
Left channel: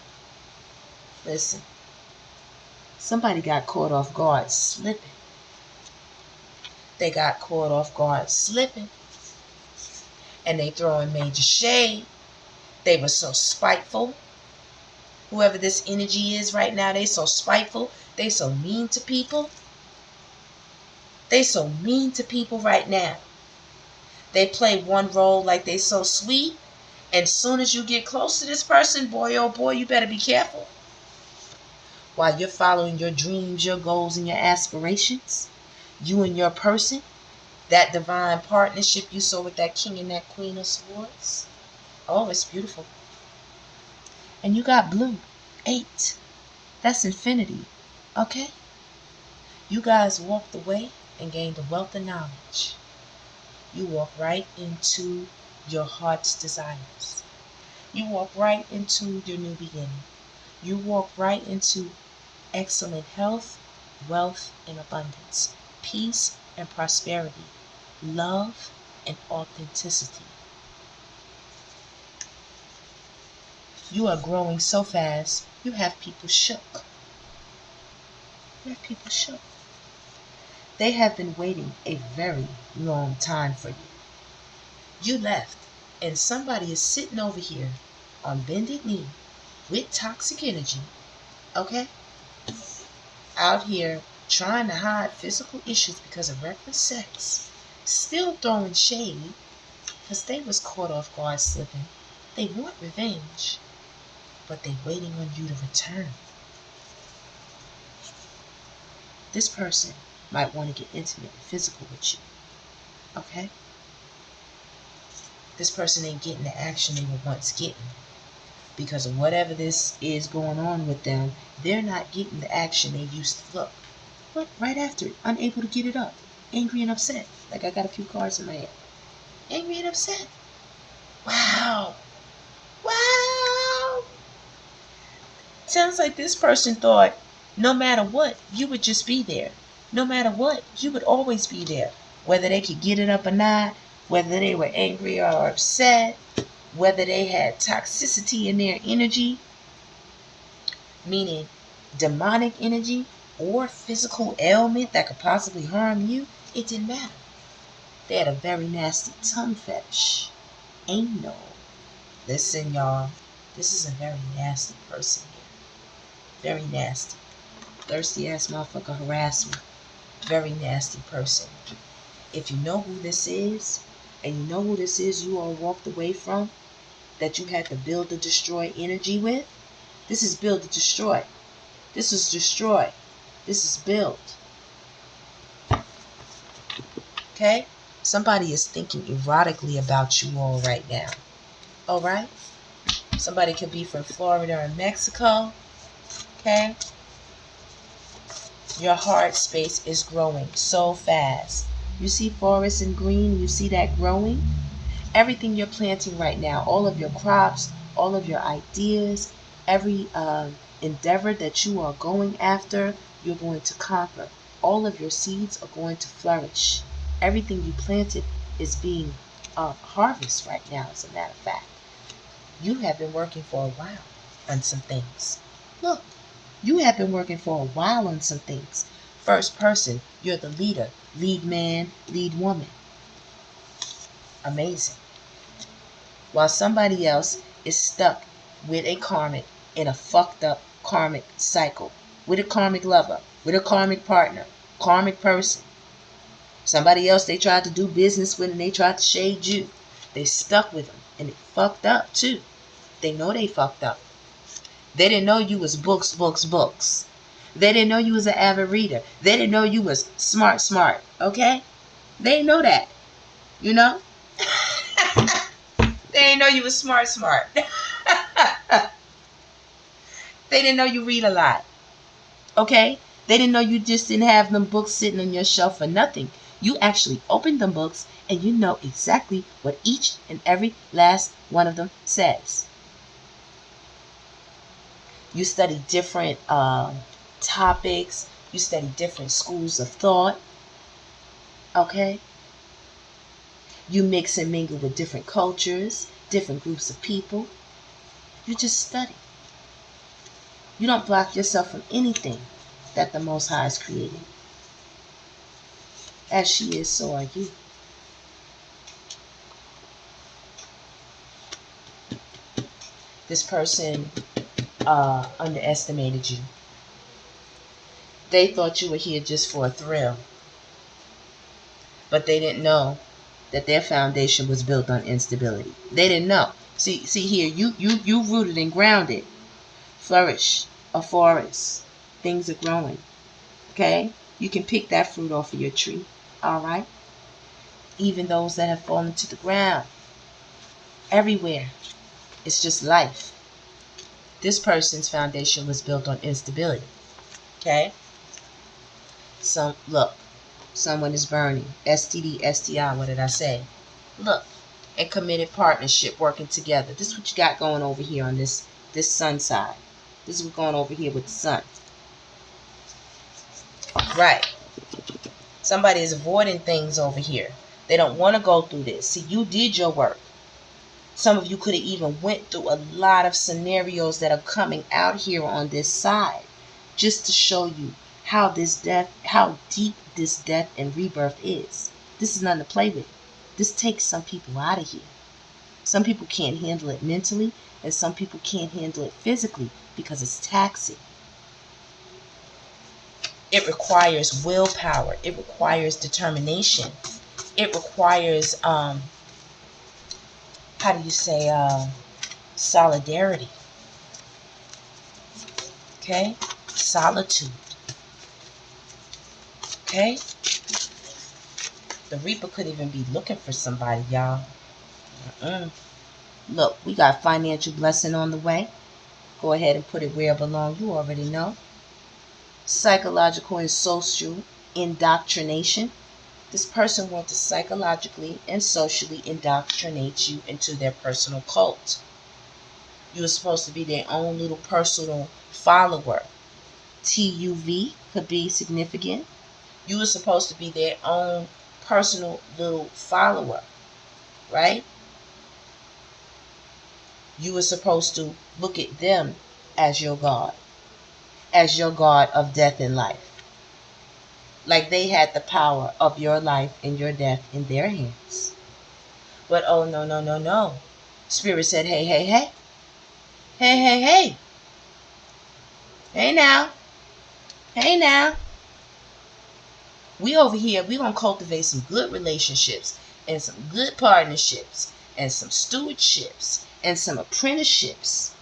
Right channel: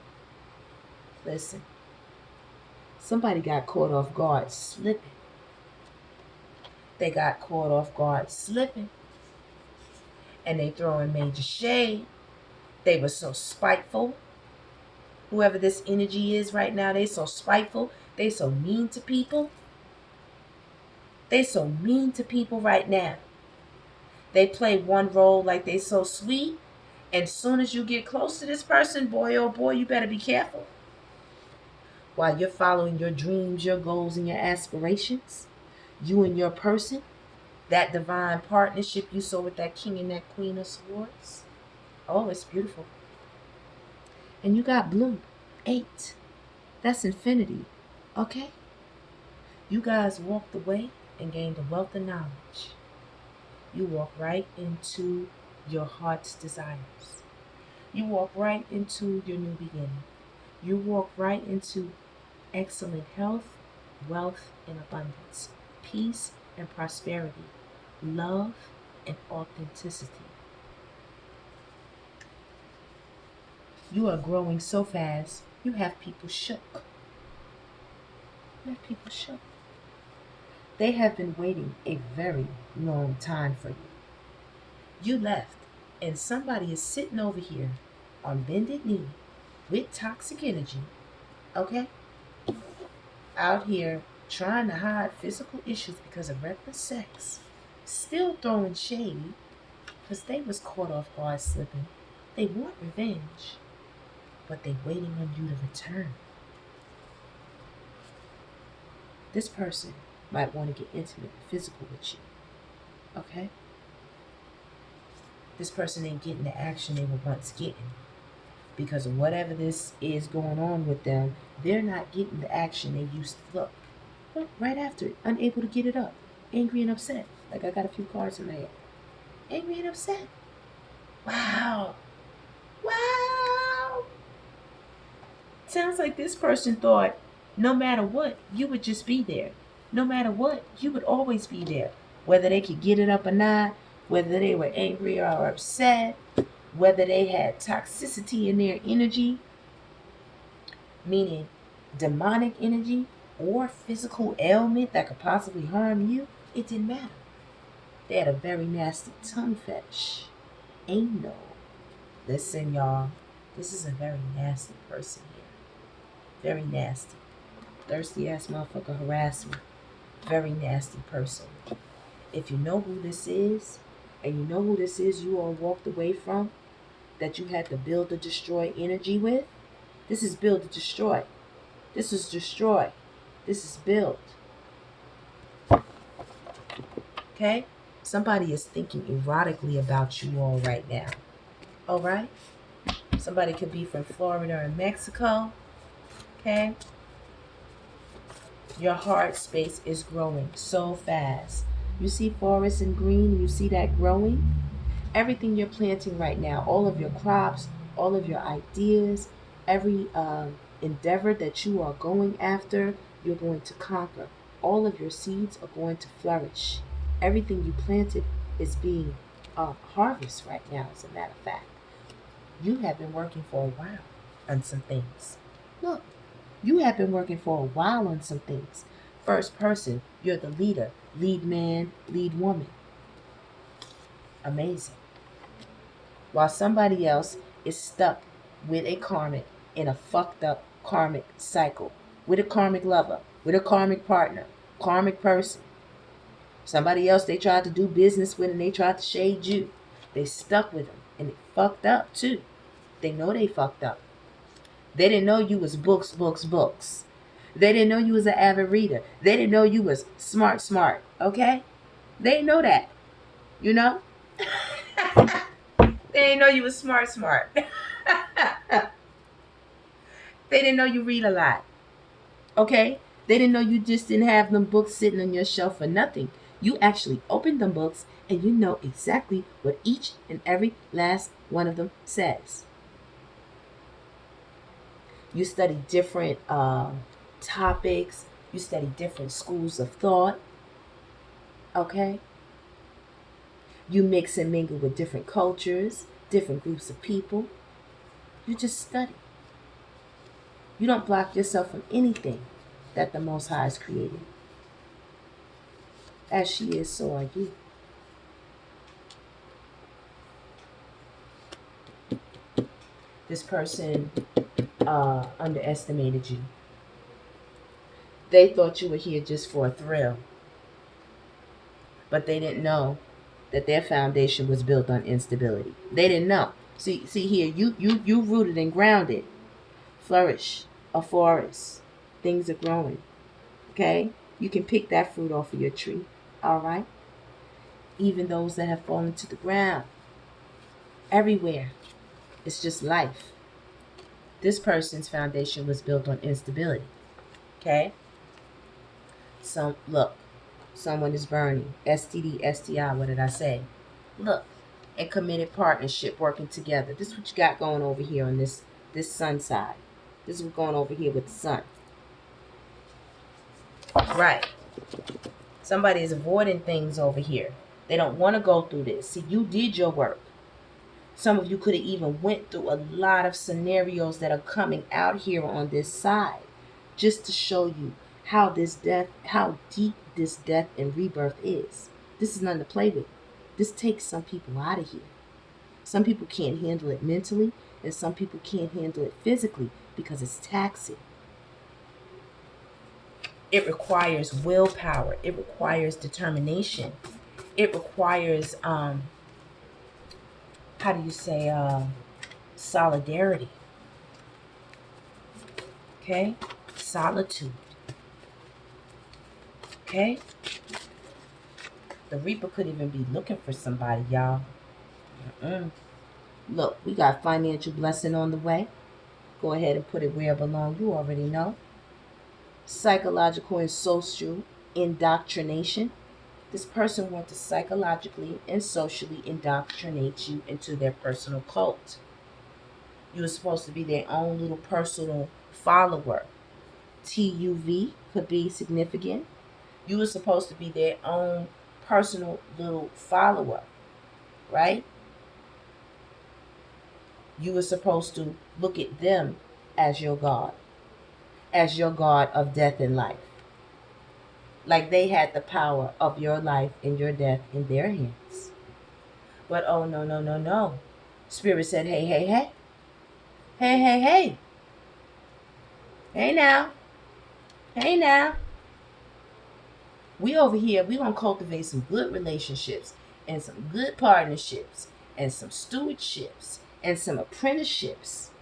Listen, somebody got caught off guard slipping. They got caught off guard slipping. And they throwing major shade. They were so spiteful. Whoever this energy is right now, they so spiteful. They so mean to people. They so mean to people right now. They play one role like they so sweet. And soon as you get close to this person, boy, oh boy, you better be careful. While you're following your dreams, your goals, and your aspirations, you and your person, that divine partnership you saw with that king and that queen of swords. Oh, it's beautiful. And you got blue, 8. That's infinity. Okay? You guys walked away and gained a wealth of knowledge. You walk right into your heart's desires. You walk right into your new beginning. You walk right into excellent health, wealth, and abundance, peace and prosperity, love and authenticity. You are growing so fast, you have people shook. You have people shook. They have been waiting a very long time for you. You left, and somebody is sitting over here on bended knee with toxic energy, okay? Out here trying to hide physical issues because of reckless sex, still throwing shade because they was caught off guard slipping. They want revenge, but they waiting on you to return. This person might want to get intimate and physical with you, okay? This person ain't getting the action they were once getting. Because of whatever this is going on with them, they're not getting the action they used to. Look, right after it, unable to get it up. Angry and upset. Like I got a few cards in my head. Angry and upset. Wow. Wow. Sounds like this person thought no matter what, you would just be there. No matter what, you would always be there. Whether they could get it up or not, whether they were angry or upset, whether they had toxicity in their energy, meaning demonic energy, or physical ailment that could possibly harm you, it didn't matter. They had a very nasty tongue fetish. Anal. Listen, y'all. This is a very nasty person here. Very nasty. Thirsty ass motherfucker harass me. Very nasty person. If you know who this is, and you know who this is you all walked away from, that you had to build to destroy energy with, this is build to destroy. This is destroy. This is build. Okay? Somebody is thinking erotically about you all right now. Alright? Somebody could be from Florida or Mexico. Okay? Your heart space is growing so fast. You see forest and green, you see that growing? Everything you're planting right now, all of your crops, all of your ideas, every endeavor that you are going after, you're going to conquer. All of your seeds are going to flourish. Everything you planted is being harvested right now, as a matter of fact. You have been working for a while on some things. Look, you have been working for a while on some things. First person, you're the leader. Lead man, lead woman. Amazing. While somebody else is stuck with a karmic in a fucked up karmic cycle, with a karmic lover, with a karmic partner, karmic person. Somebody else they tried to do business with and they tried to shade you. They stuck with them and it fucked up too. They know they fucked up. They didn't know you was books. They didn't know you was an avid reader. They didn't know you was smart. Okay? They didn't know that. You know? They didn't know you was smart. They didn't know you read a lot. Okay? They didn't know you just didn't have them books sitting on your shelf for nothing. You actually opened them books and you know exactly what each and every last one of them says. You study different topics. You study different schools of thought. Okay? You mix and mingle with different cultures, different groups of people. You just study. You don't block yourself from anything that the Most High is creating. As she is, so are you. This person underestimated you. They thought you were here just for a thrill. But they didn't know that their foundation was built on instability. They didn't know. See here, you rooted and grounded. Flourish, a forest. Things are growing. Okay? You can pick that fruit off of your tree. Alright? Even those that have fallen to the ground. Everywhere. It's just life. This person's foundation was built on instability. Okay? Look, someone is burning. STD, STI, what did I say? Look, a committed partnership working together. This is what you got going over here on this sun side. This is what's going over here with the sun. Right. Somebody is avoiding things over here. They don't want to go through this. See, you did your work. Some of you could have even went through a lot of scenarios that are coming out here on this side, just to show you how deep this death and rebirth is. This is nothing to play with. This takes some people out of here. Some people can't handle it mentally, and some people can't handle it physically because it's taxing. It requires willpower. It requires determination. It requires solidarity. Okay? Solitude. Okay? The Reaper could even be looking for somebody, y'all. Look, we got financial blessing on the way. Go ahead and put it where it belongs. You already know. Psychological and social indoctrination. This person wants to psychologically and socially indoctrinate you into their personal cult. You're supposed to be their own little personal follower. TUV could be significant. You were supposed to be their own personal little follower, right? You were supposed to look at them as your God of death and life. like they had the power of your life and your death in their hands. But oh, no, no, no, no. Spirit said, hey, hey, hey. Hey, hey, hey. Hey now. Hey now. We over here, we going to cultivate some good relationships and some good partnerships and some stewardships and some apprenticeships.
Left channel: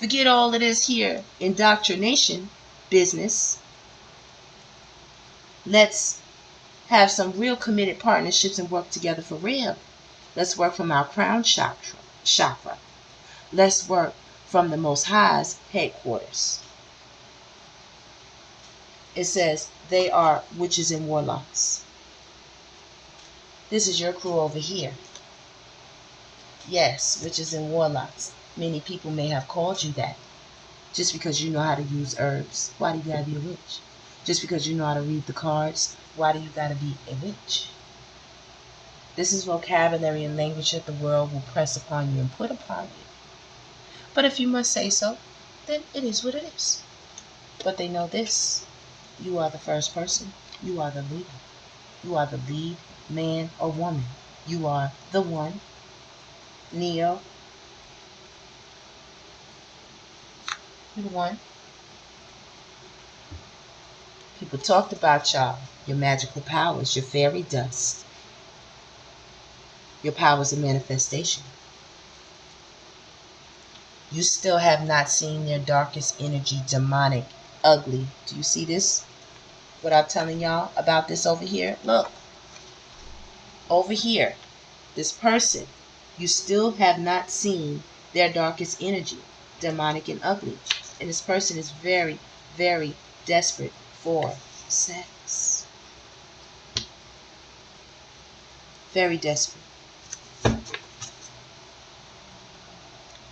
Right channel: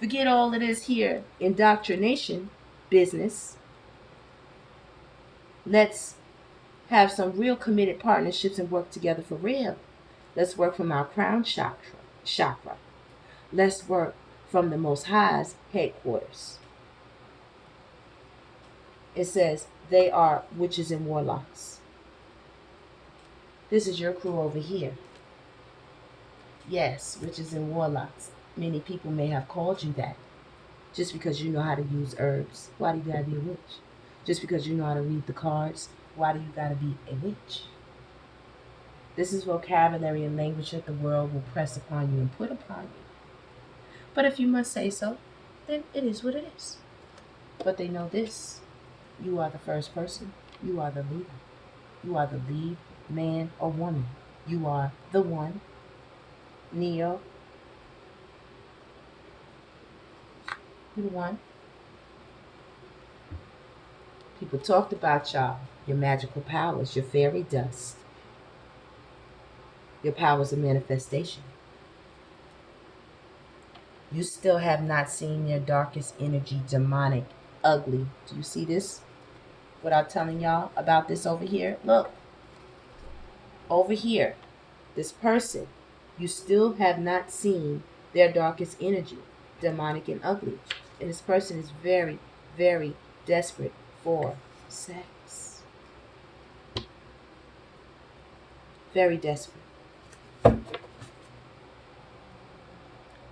Forget all of this here indoctrination business. Let's have some real committed partnerships and work together for real. Let's work from our crown chakra. Let's work from the Most High's headquarters. It says they are witches and warlocks. This is your crew over here. Yes, witches and warlocks. Many people may have called you that. Just because you know how to use herbs, why do you gotta be a witch? Just because you know how to read the cards, why do you gotta be a witch? This is vocabulary and language that the world will press upon you and put upon you. But if you must say so, then it is what it is. But they know this. You are the first person. You are the leader. You are the lead man or woman. You are the one. Neo. You're the one. People talked about y'all. Your magical powers. Your fairy dust. Your powers of manifestation. You still have not seen their darkest energy, demonic, ugly. Do you see this? What I'm telling y'all about this over here? Look. Over here. This person. You still have not seen their darkest energy, demonic and ugly. And this person is very, very desperate for sex. Very desperate.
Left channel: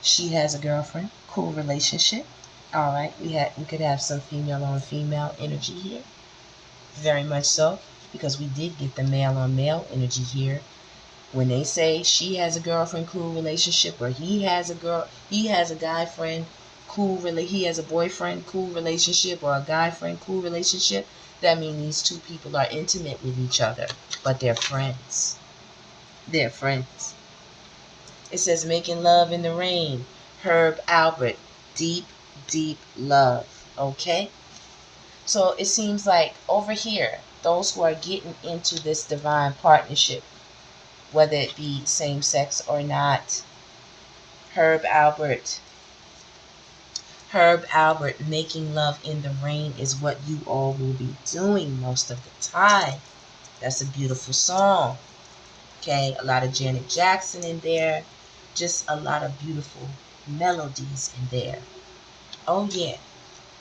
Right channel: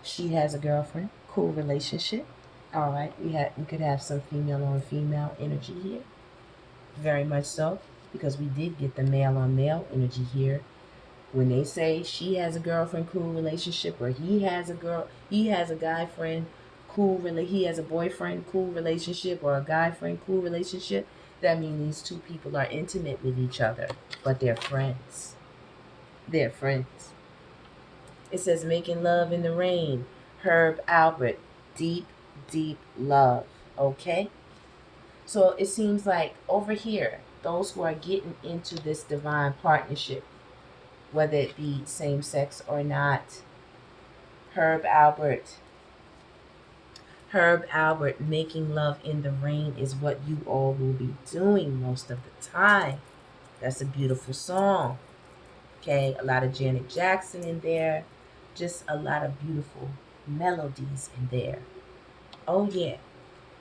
She has a girlfriend. Cool relationship. All right. We could have some female on female energy here. Very much so. Because we did get the male on male energy here. When they say she has a girlfriend, cool relationship, or he has a guy friend, he has a boyfriend, cool relationship, or a guy friend, cool relationship, that means these two people are intimate with each other, but they're friends. They're friends. It says making love in the rain. Herb Albert, deep, deep love. Okay? So it seems like over here, those who are getting into this divine partnership, whether it be same sex or not, Herb Albert, making love in the rain is what you all will be doing most of the time. That's a beautiful song. Okay, a lot of Janet Jackson in there. Just a lot of beautiful melodies in there. Oh yeah.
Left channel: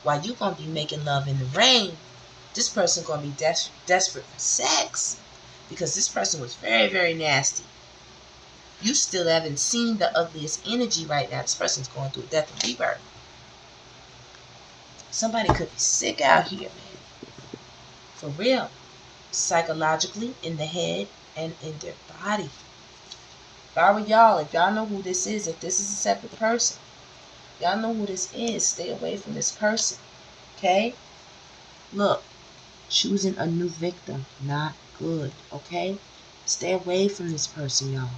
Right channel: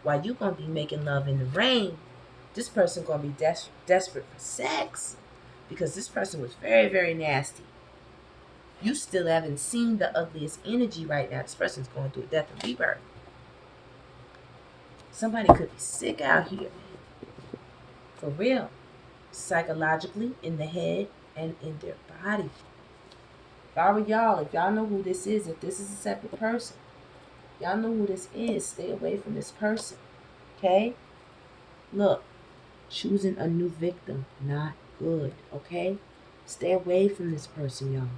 While you gonna be making love in the rain, this person gonna be desperate for sex. Because this person was very, very nasty. You still haven't seen the ugliest energy right now. This person's going through a death and rebirth. Somebody could be sick out here, man. For real. Psychologically, in the head, and in their body. If I were y'all, if y'all know who this is, if this is a separate person, y'all know who this is, stay away from this person. Okay? Look, choosing a new victim, not good. Okay? Stay away from this person, y'all.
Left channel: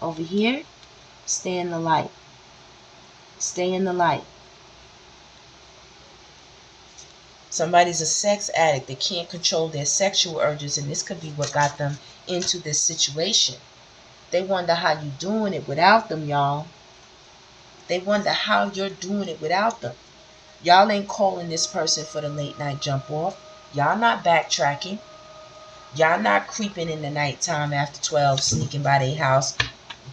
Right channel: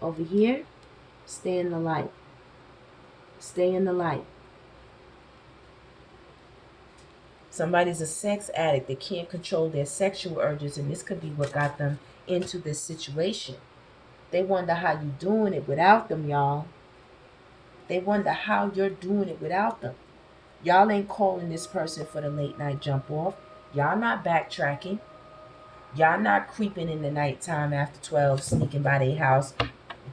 Over here, stay in the light. Stay in the light. Somebody's a sex addict. They can't control their sexual urges, and this could be what got them into this situation. They wonder how you're doing it without them, y'all. They wonder how you're doing it without them. Y'all ain't calling this person for the late night jump off. Y'all not backtracking. Y'all not creeping in the nighttime after 12, sneaking by their house,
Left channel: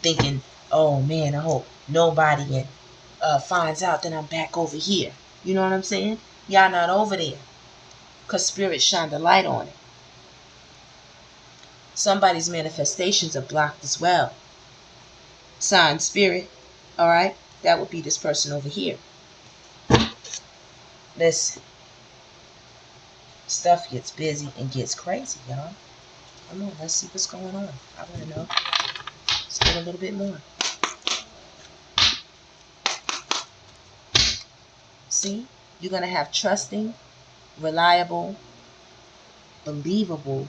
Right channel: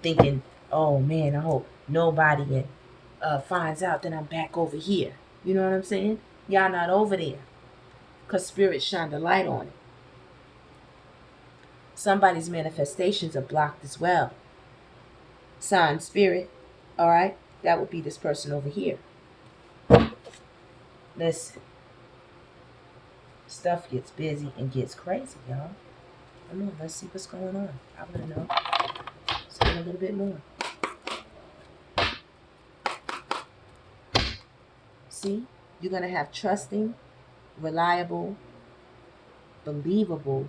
thinking, oh man, I hope nobody finds out that I'm back over here. You know what I'm saying? Y'all not over there. Because Spirit shined a light on it. Somebody's manifestations are blocked as well. Sign Spirit. Alright? That would be this person over here. Listen. Stuff gets busy and gets crazy, y'all. Come on, let's see what's going on. I want to know. Let's get a little bit more. See? You're going to have trusting reliable, believable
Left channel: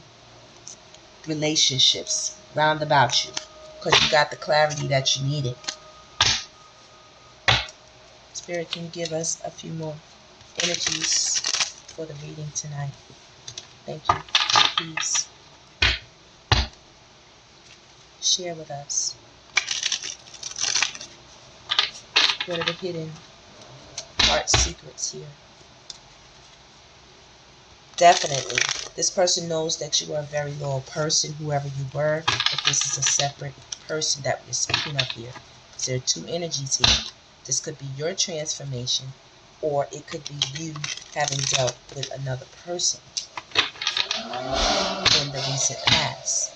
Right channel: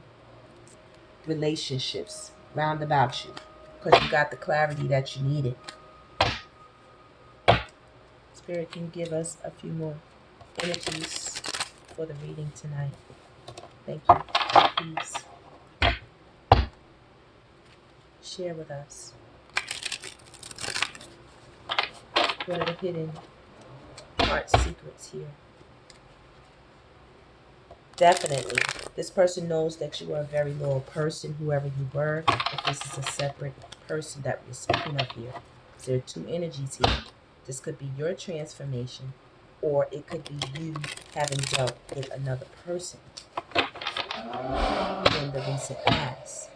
relationships round about you, because you got the clarity that you needed. Spirit, can you give us a few more energies for the reading tonight? Thank you. Please share with us. What are the hidden heart secrets here? Definitely, this person knows that you are a very loyal person, whoever you were. If this is a separate person that we're speaking of here, because there are two energies here. This could be your transformation, or it could be you having dealt with another person in the recent past.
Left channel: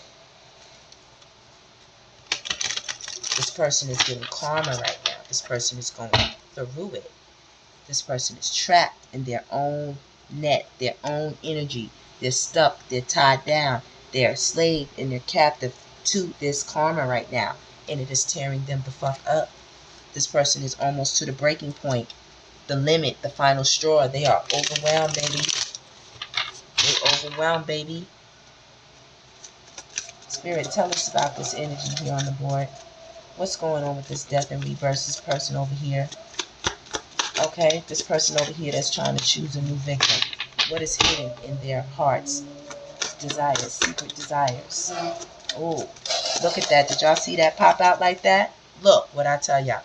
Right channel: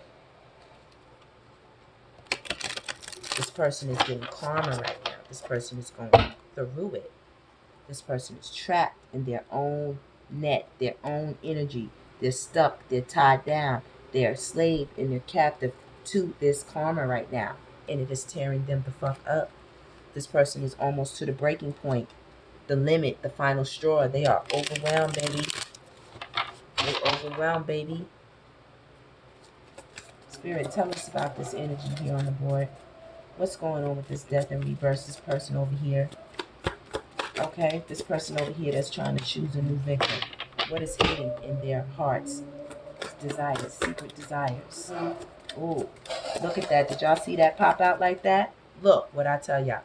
This person is getting karma right now. This person is going through it. This person is trapped in their own net, their own energy. They're stuck, they're tied down, they're a slave and they're captive to this karma right now. And it is tearing them the fuck up. This person is almost to the breaking point, the limit, the final straw. They are overwhelmed, baby. They're overwhelmed, baby. Spirit, tell us about this energy here on the board. What's going on with this death and rebirth? This person over here. Okay, this person over here that's trying to choose a new victim. What is hidden in their hearts? Desires, secret desires. Oh, look at that. Did y'all see that pop out like that? Look what I tell y'all.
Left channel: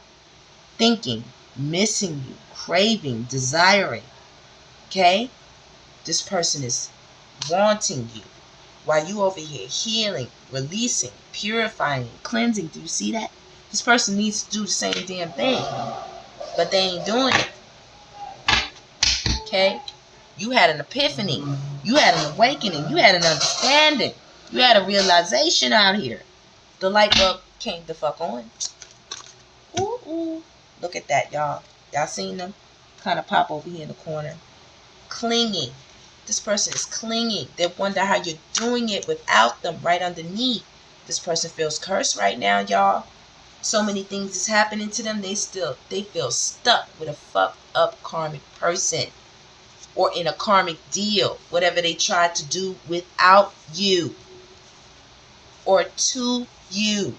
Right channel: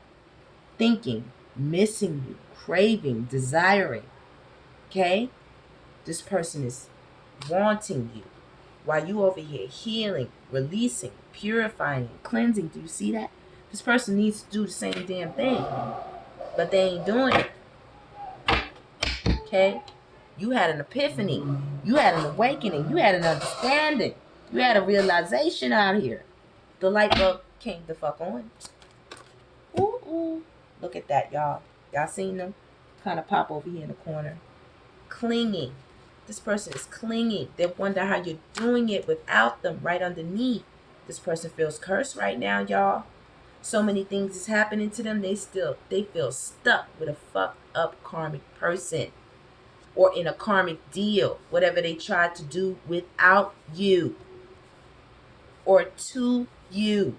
Thinking, missing you, craving, desiring. Okay? This person is wanting you while you over here healing, releasing, purifying, cleansing. Do you see that? This person needs to do the same damn thing, but they ain't doing it. Okay? You had an epiphany. You had an awakening. You had an understanding. You had a realization out here. The light bulb came the fuck on. Ooh, ooh. Look at that, y'all. Y'all seen them? Kind of pop over here in the corner. Clinging. This person is clinging. They wonder how you're doing it without them right underneath. This person feels cursed right now, y'all. So many things is happening to them. They feel stuck with a fucked up karmic person, or in a karmic deal, whatever they tried to do without you or to you.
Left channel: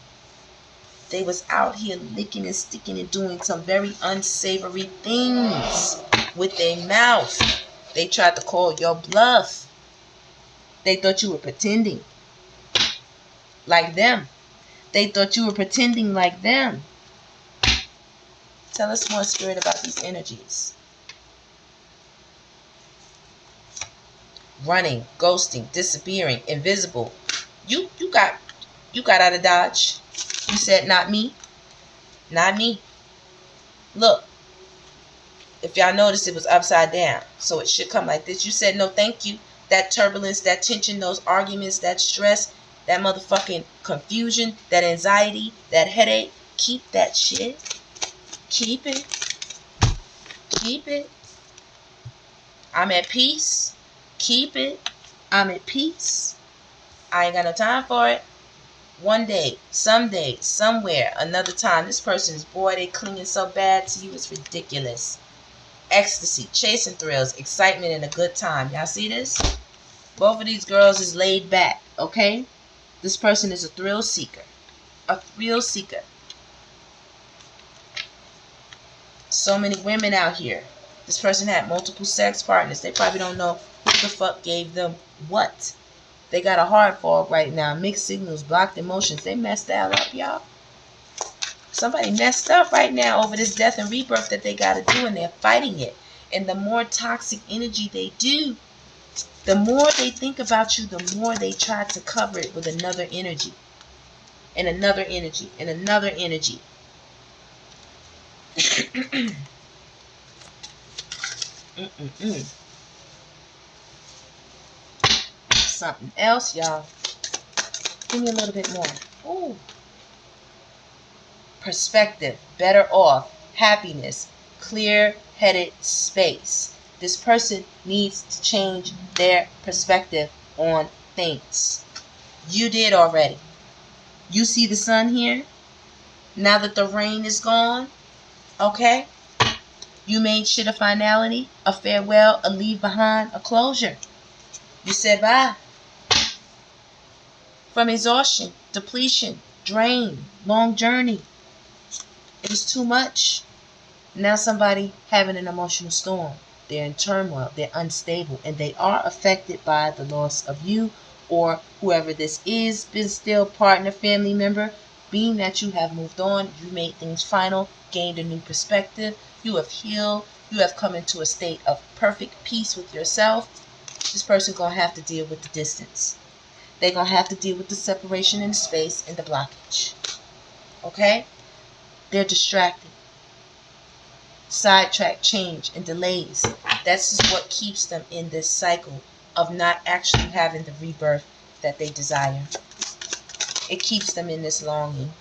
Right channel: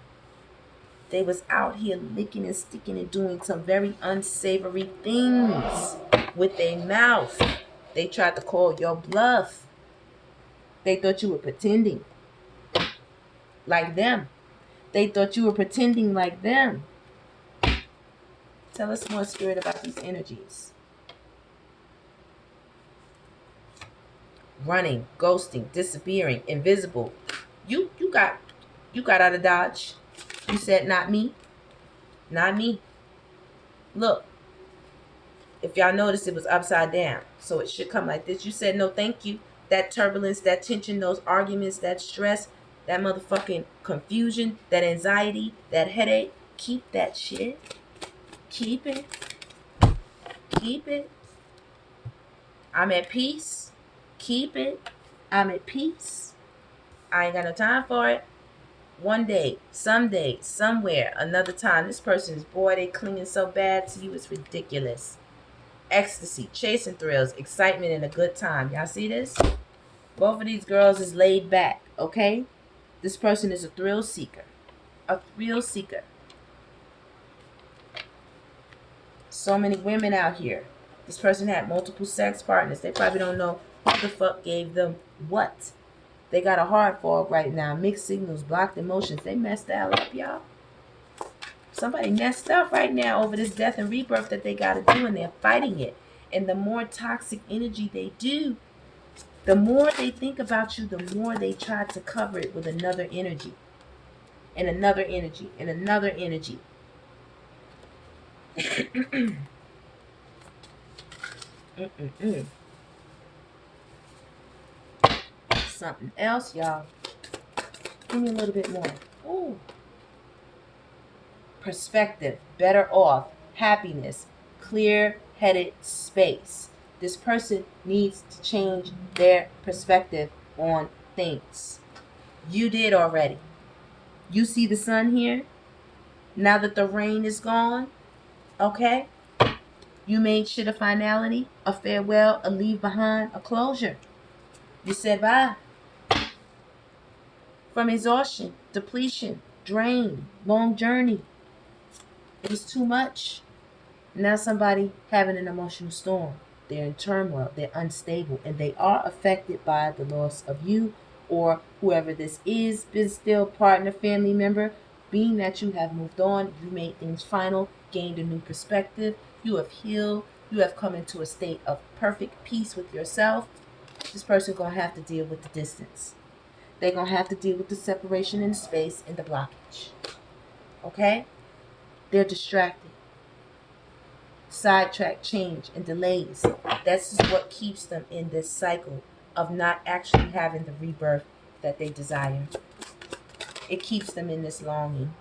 They was out here licking and sticking and doing some very unsavory things with their mouth. They tried to call your bluff. They thought you were pretending like them. They thought you were pretending like them. Tell us more, Spirit, about these energies. Running, ghosting, disappearing, invisible. You got out of Dodge. You said, not me. Not me. Look. If y'all noticed, it was upside down. So it should come like this. You said, no, thank you. That turbulence, that tension, those arguments, that stress, that motherfucking confusion, that anxiety, that headache. Keep that shit. Keep it. Keep it. I'm at peace. Keep it. I'm at peace. I ain't got no time for it. One day, someday, somewhere, another time. This person is, boy, they clinging so bad to you. It's ridiculous. Ecstasy, chasing thrills, excitement, and a good time. Y'all see this? Both of these girls is laid back, okay? This person is a thrill seeker. A thrill seeker. So many women out here. This person had multiple sex partners. They probably don't know who the fuck gave them what. They got a hard fog right now. Mixed signals, blocked emotions. They messed the hell up, y'all. Somebody messed up right now over this death and rebirth that they got to do, and they're fighting it. And the more toxic energy they do, the more they think about you, the more they try to cover it with another energy. And another energy. And another energy. Something else, y'all. Give me a little bit more. Ooh. Perspective, better off, happiness, clear-headed space. This person needs to change their perspective on things. You did already. You see the sun here? Now that the rain is gone, okay? You made shit a finality, a farewell, a leave behind, a closure. You said bye. From exhaustion, depletion, drain, long journey. It was too much. Now somebody having an emotional storm. They're in turmoil, they're unstable, and they are affected by the loss of you or whoever this is, been still partner, family member. Being that you have moved on, you made things final, gained a new perspective, you have healed, you have come into a state of perfect peace with yourself. This person's going to have to deal with the distance. They're going to have to deal with the separation in space and the blockage. Okay? They're distracted. Sidetrack, change, and delays. That's just what keeps them in this cycle of not actually having the rebirth that they desire. It keeps them in this longing.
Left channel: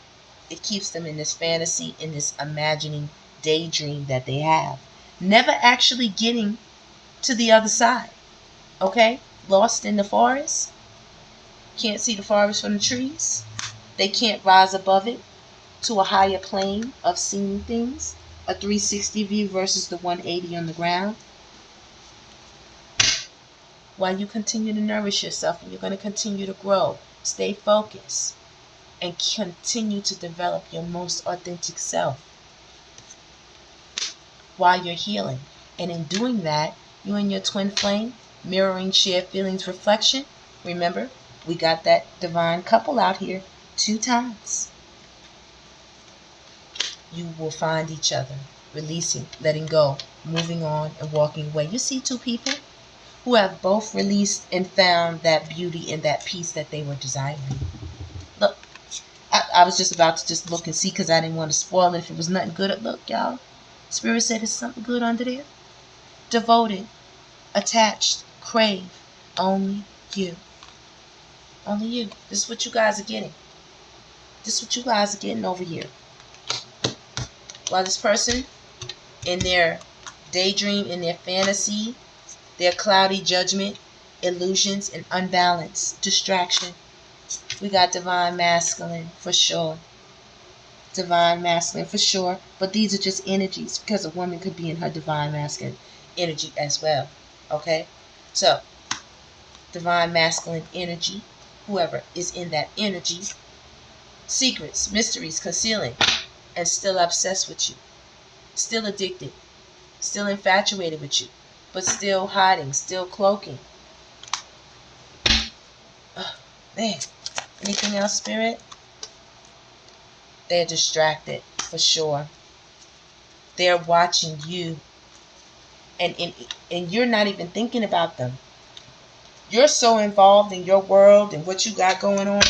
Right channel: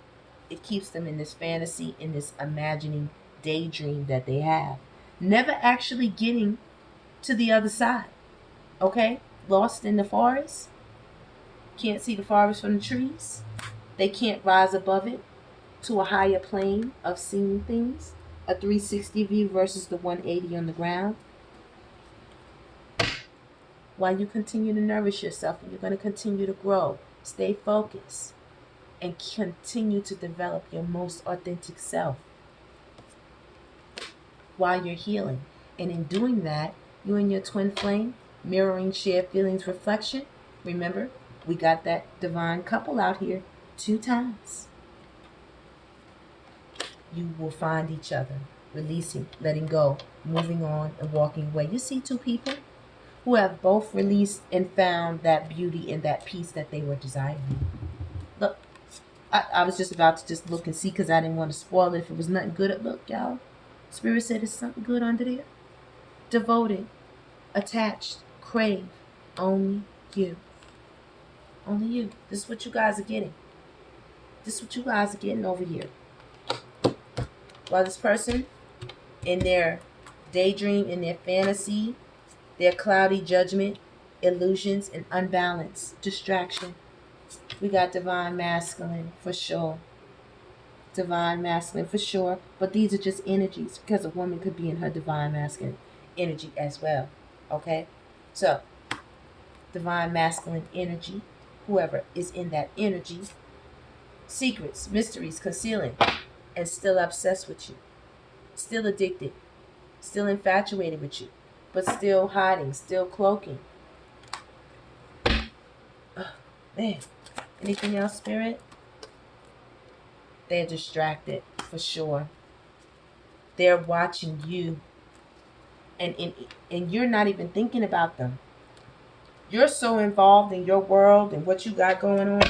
It keeps them in this fantasy, in this imagining daydream that they have. Never actually getting to the other side. Okay? Lost in the forest. Can't see the forest from the trees. They can't rise above it to a higher plane of seeing things. A 360 view versus the 180 on the ground. While you continue to nourish yourself and you're going to continue to grow, stay focused and continue to develop your most authentic self while you're healing. And in doing that, you and your twin flame, mirroring shared feelings, reflection. Remember, we got that divine couple out here 2 times. You will find each other, releasing, letting go, moving on, and walking away. You see 2 people who have both released and found that beauty and that peace that they were desiring. Look, I was just about to just look and see because I didn't want to spoil it if it was nothing good. Look, y'all. Spirit said there's something good under there. Devoted, attached, crave, only you. Only you. This is what you guys are getting. This is what you guys are getting over here. While this person, in their daydream, in their fantasy, their cloudy judgment, illusions, and unbalance, distraction, we got divine masculine for sure. Divine masculine for sure. But these are just energies because a woman could be in her divine masculine energy as well. Okay? So, divine masculine energy, whoever is in that energy, secrets, mysteries, concealing, and still obsessed with you, still addicted, still infatuated with you, but still hiding, still cloaking. Oh, man. Anything else, Spirit? They're distracted, for sure. They're watching you, and you're not even thinking about them. You're so involved in your world and what you got going on.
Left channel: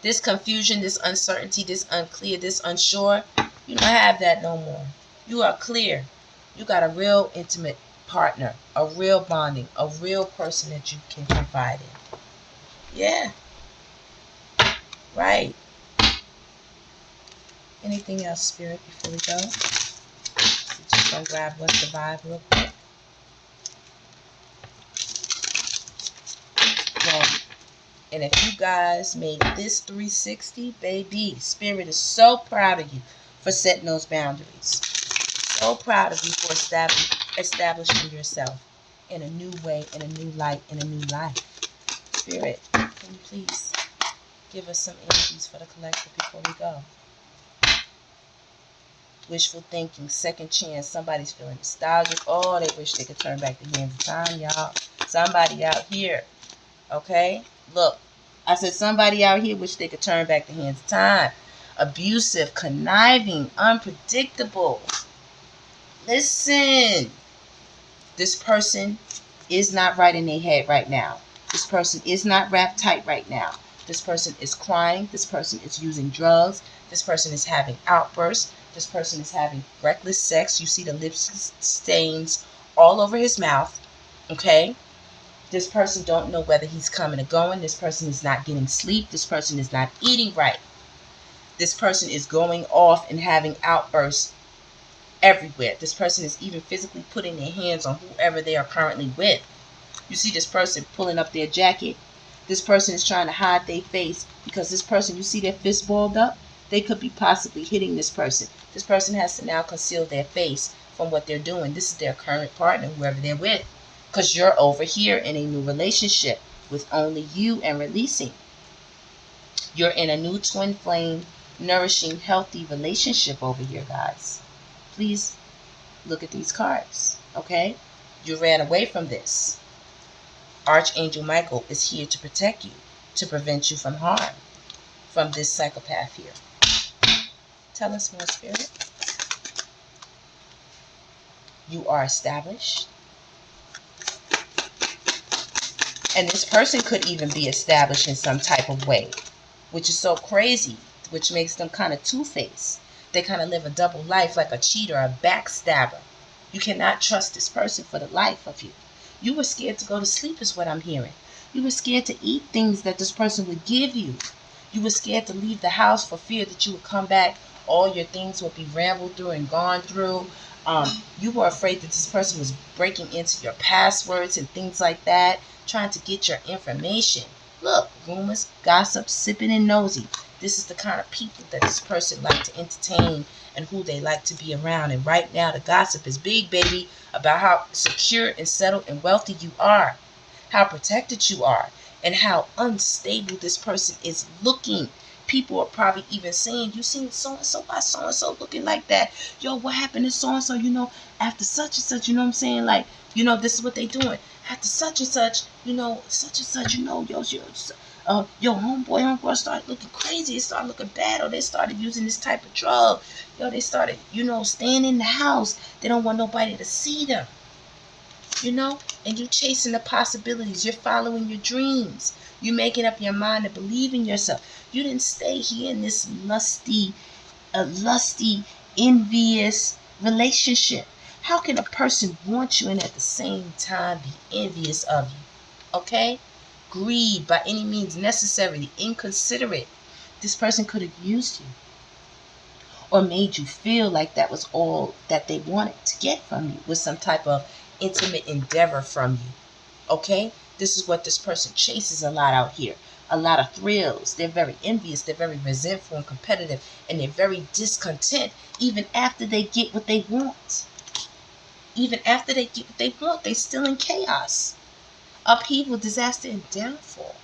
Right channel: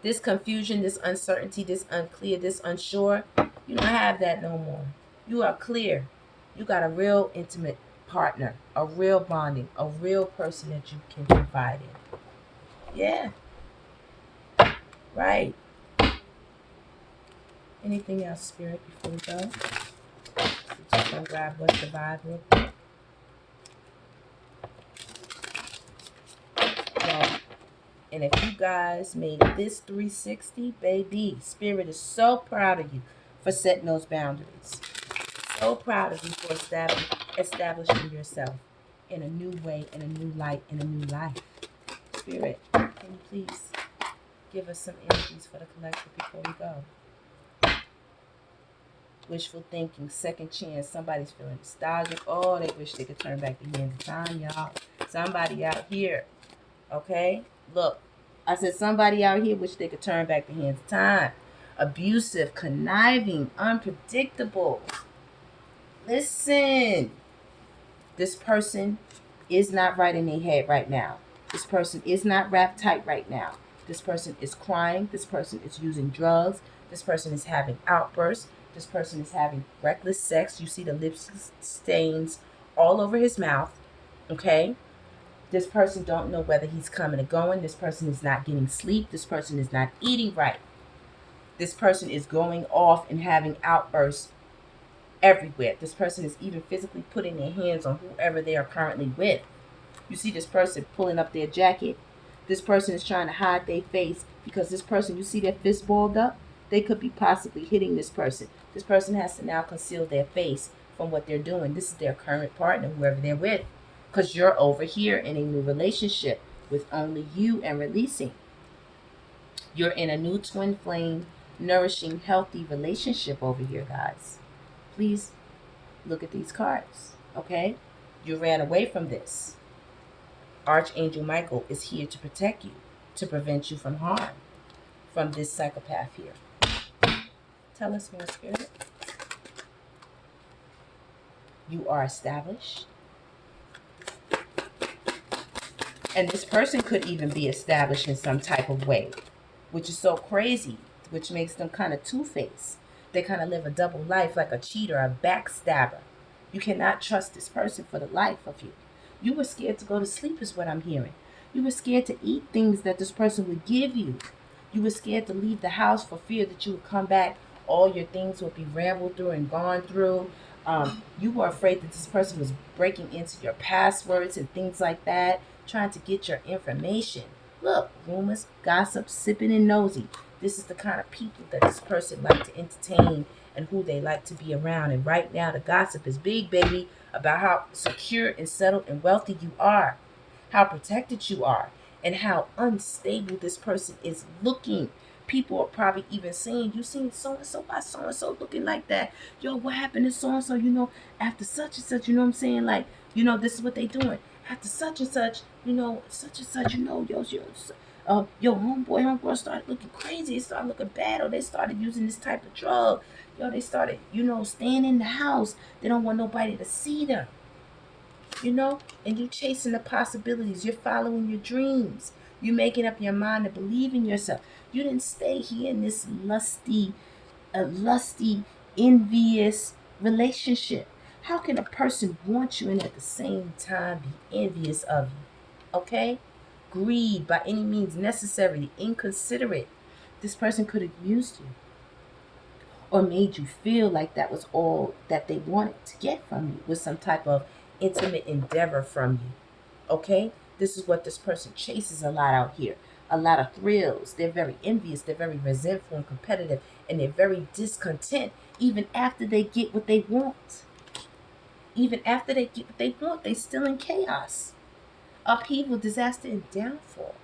This confusion, this uncertainty, this unclear, this unsure, you don't have that no more. You are clear. You got a real intimate partner, a real bonding, a real person that you can confide in. Yeah. Right. Anything else, Spirit, before we go? We're just going to grab what's the vibe real quick. Well, and if you guys made this 360, baby, Spirit is so proud of you for setting those boundaries. So proud of you for establishing yourself in a new way, in a new light, in a new life. Spirit, can you please give us some energies for the collective before we go? Wishful thinking, second chance. Somebody's feeling nostalgic. Oh, they wish they could turn back the hands of time, y'all. Somebody out here, okay? Look, I said somebody out here wish they could turn back the hands of time. Abusive, conniving, unpredictable. Listen. This person is not right in their head right now. This person is not wrapped tight right now. This person is crying. This person is using drugs. This person is having outbursts. This person is having reckless sex. You see the lip stains all over his mouth. Okay? This person don't know whether he's coming or going. This person is not getting sleep. This person is not eating right. This person is going off and having outbursts everywhere. This person is even physically putting their hands on whoever they are currently with. You see this person pulling up their jacket. This person is trying to hide their face because this person, you see their fist balled up? They could be possibly hitting this person. This person has to now conceal their face from what they're doing. This is their current partner, whoever they're with. Because you're over here in a new relationship with only you and releasing. You're in a new twin flame, nourishing, healthy relationship over here, guys. Please look at these cards, okay? You ran away from this. Archangel Michael is here to protect you, to prevent you from harm, from this psychopath here. Tell us more, Spirit. You are established. And this person could even be established in some type of way, which is so crazy, which makes them kind of two-faced. They kind of live a double life, like a cheater, a backstabber. You cannot trust this person for the life of you. You were scared to go to sleep is what I'm hearing. You were scared to eat things that this person would give you. You were scared to leave the house for fear that you would come back. All your things would be rambled through and gone through. You were afraid that this person was breaking into your passwords and things like that, trying to get your information. Look, rumors, gossip, sipping and nosy. This is the kind of people that this person like to entertain and who they like to be around. And right now the gossip is big, baby, about how secure and settled and wealthy you are, how protected you are, and how unstable this person is looking. People are probably even saying, you seen so-and-so by so-and-so looking like that. Yo, what happened to so-and-so, after such and such, what I'm saying? Like, this is what they doing. After such and such, such and such, your homeboy started looking crazy. It started looking bad, or they started using this type of drug. They started, staying in the house. They don't want nobody to see them. And you chasing the possibilities. You're following your dreams. You're making up your mind to believe in yourself. You didn't stay here in this lusty, envious relationship. How can a person want you and at the same time be envious of you? Okay? Greed by any means necessary, inconsiderate. This person could have used you or made you feel like that was all that they wanted to get from you, with some type of intimate endeavor from you. Okay? This is what this person chases a lot out here. A lot of thrills. They're very envious. They're very resentful and competitive. And they're very discontent even after they get what they want. Even after they get what they want, they're still in chaos. Upheaval, disaster, and downfall.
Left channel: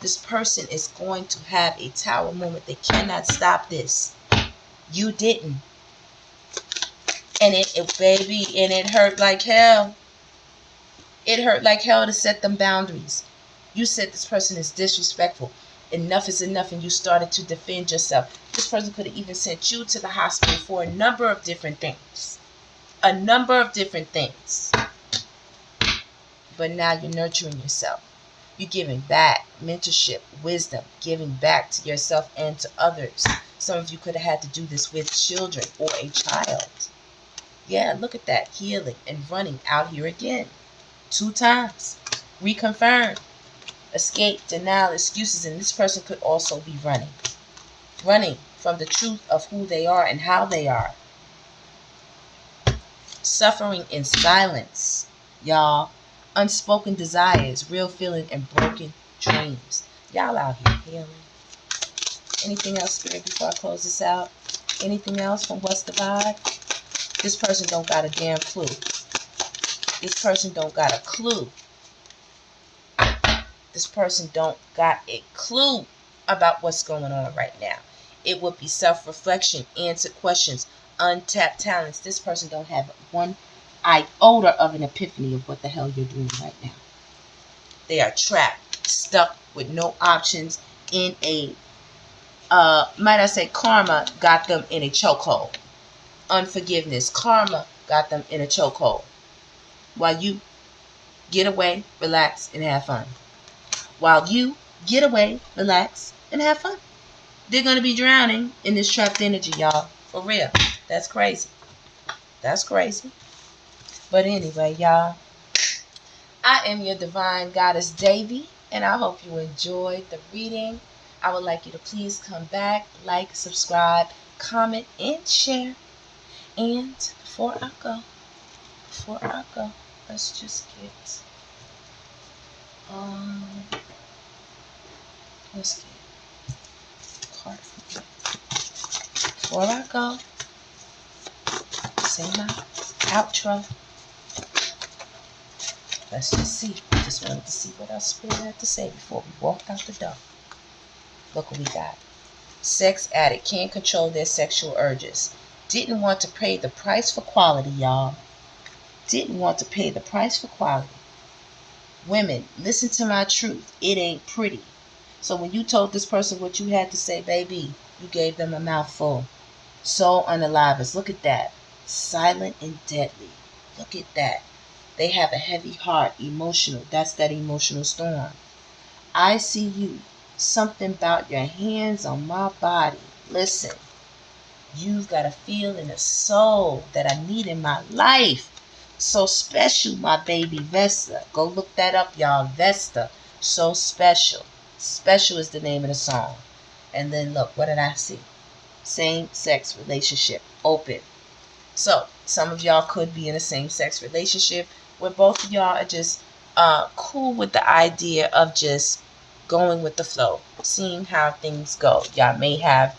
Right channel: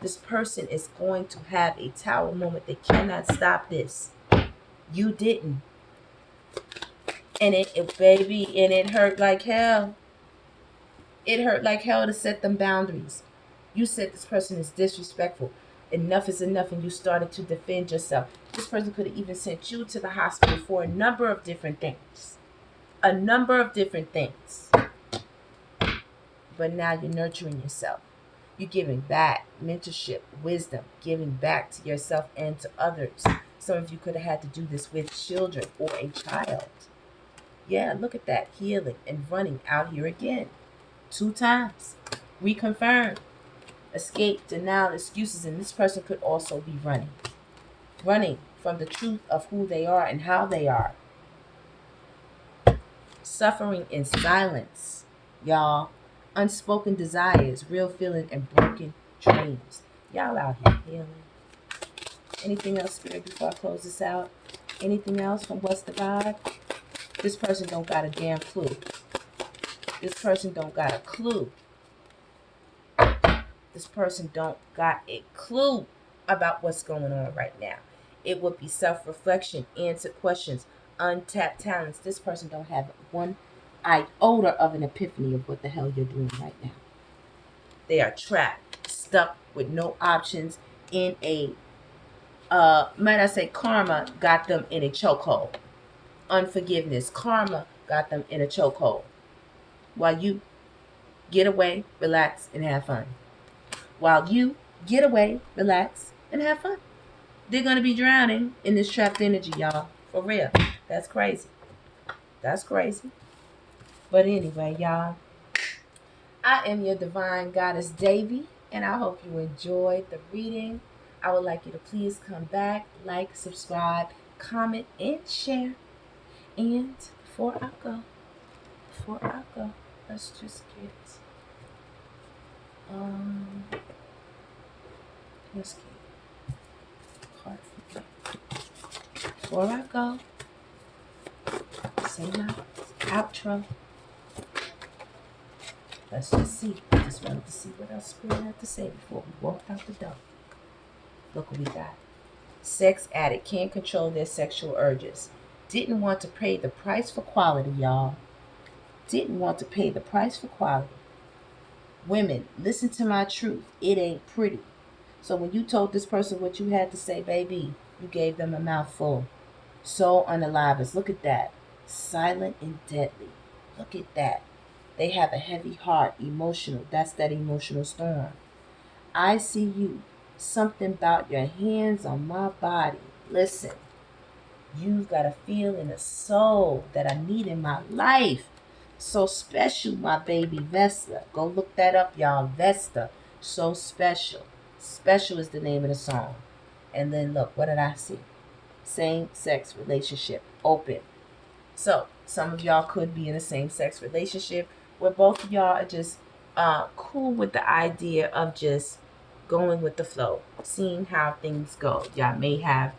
This person is going to have a tower moment. They cannot stop this. You didn't. And it hurt like hell. It hurt like hell to set them boundaries. You said this person is disrespectful. Enough is enough, and you started to defend yourself. This person could have even sent you to the hospital for a number of different things. A number of different things. But now you're nurturing yourself. You're giving back mentorship, wisdom, giving back to yourself and to others. Some of you could have had to do this with children or a child. Yeah, look at that. Healing and running out here again. 2 times. Reconfirm. Escape, denial, excuses. And this person could also be running. Running from the truth of who they are and how they are. Suffering in silence, y'all. Unspoken desires, real feeling, and broken dreams. Y'all out here healing. Anything else, Spirit, before I close this out? Anything else from What's the God? This person don't got a damn clue. This person don't got a clue. This person don't got a clue about what's going on right now. It would be self-reflection, answer questions, untapped talents. This person don't have one iota of an epiphany of what the hell you're doing right now. They are trapped, stuck with no options in a, might I say, karma got them in a chokehold. Unforgiveness, karma got them in a chokehold. While you get away, relax, and have fun. While you get away, relax, and have fun. They're going to be drowning in this trapped energy, y'all. For real. That's crazy. That's crazy. But anyway, y'all, I am your divine goddess, DEVI, and I hope you enjoyed the reading. I would like you to please come back, like, subscribe, comment, and share. And before I go, let's just get, let's get a card for me. Before I go, say my outro. Let's just see. Just wanted to see what else Spirit had to say before we walked out the door. Look what we got. Sex addict can't control their sexual urges. Didn't want to pay the price for quality, y'all. Didn't want to pay the price for quality. Women, listen to my truth. It ain't pretty. So when you told this person what you had to say, baby, you gave them a mouthful. So unalive. Look at that. Silent and deadly. Look at that. They have a heavy heart, emotional. That's that emotional storm. I see you. Something about your hands on my body. Listen, you've got a feel in the soul that I need in my life. So special, my baby Vesta. Go look that up, y'all. Vesta. So special. Special is the name of the song. And then look, what did I see? Same-sex relationship. Open. So, some of y'all could be in a same-sex relationship where both of y'all are just cool with the idea of just going with the flow, seeing how things go. Y'all may have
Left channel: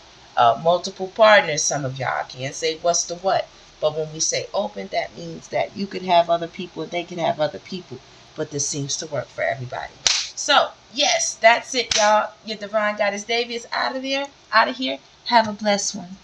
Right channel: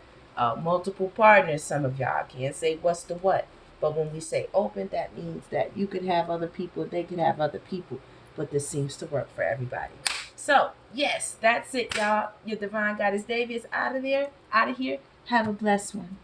multiple partners, some of y'all. I can't say what's the what. But when we say open, that means that you could have other people, they could have other people. But this seems to work for everybody. So, yes, that's it, y'all. Your Divine Goddess Devi is out of here. Have a blessed one.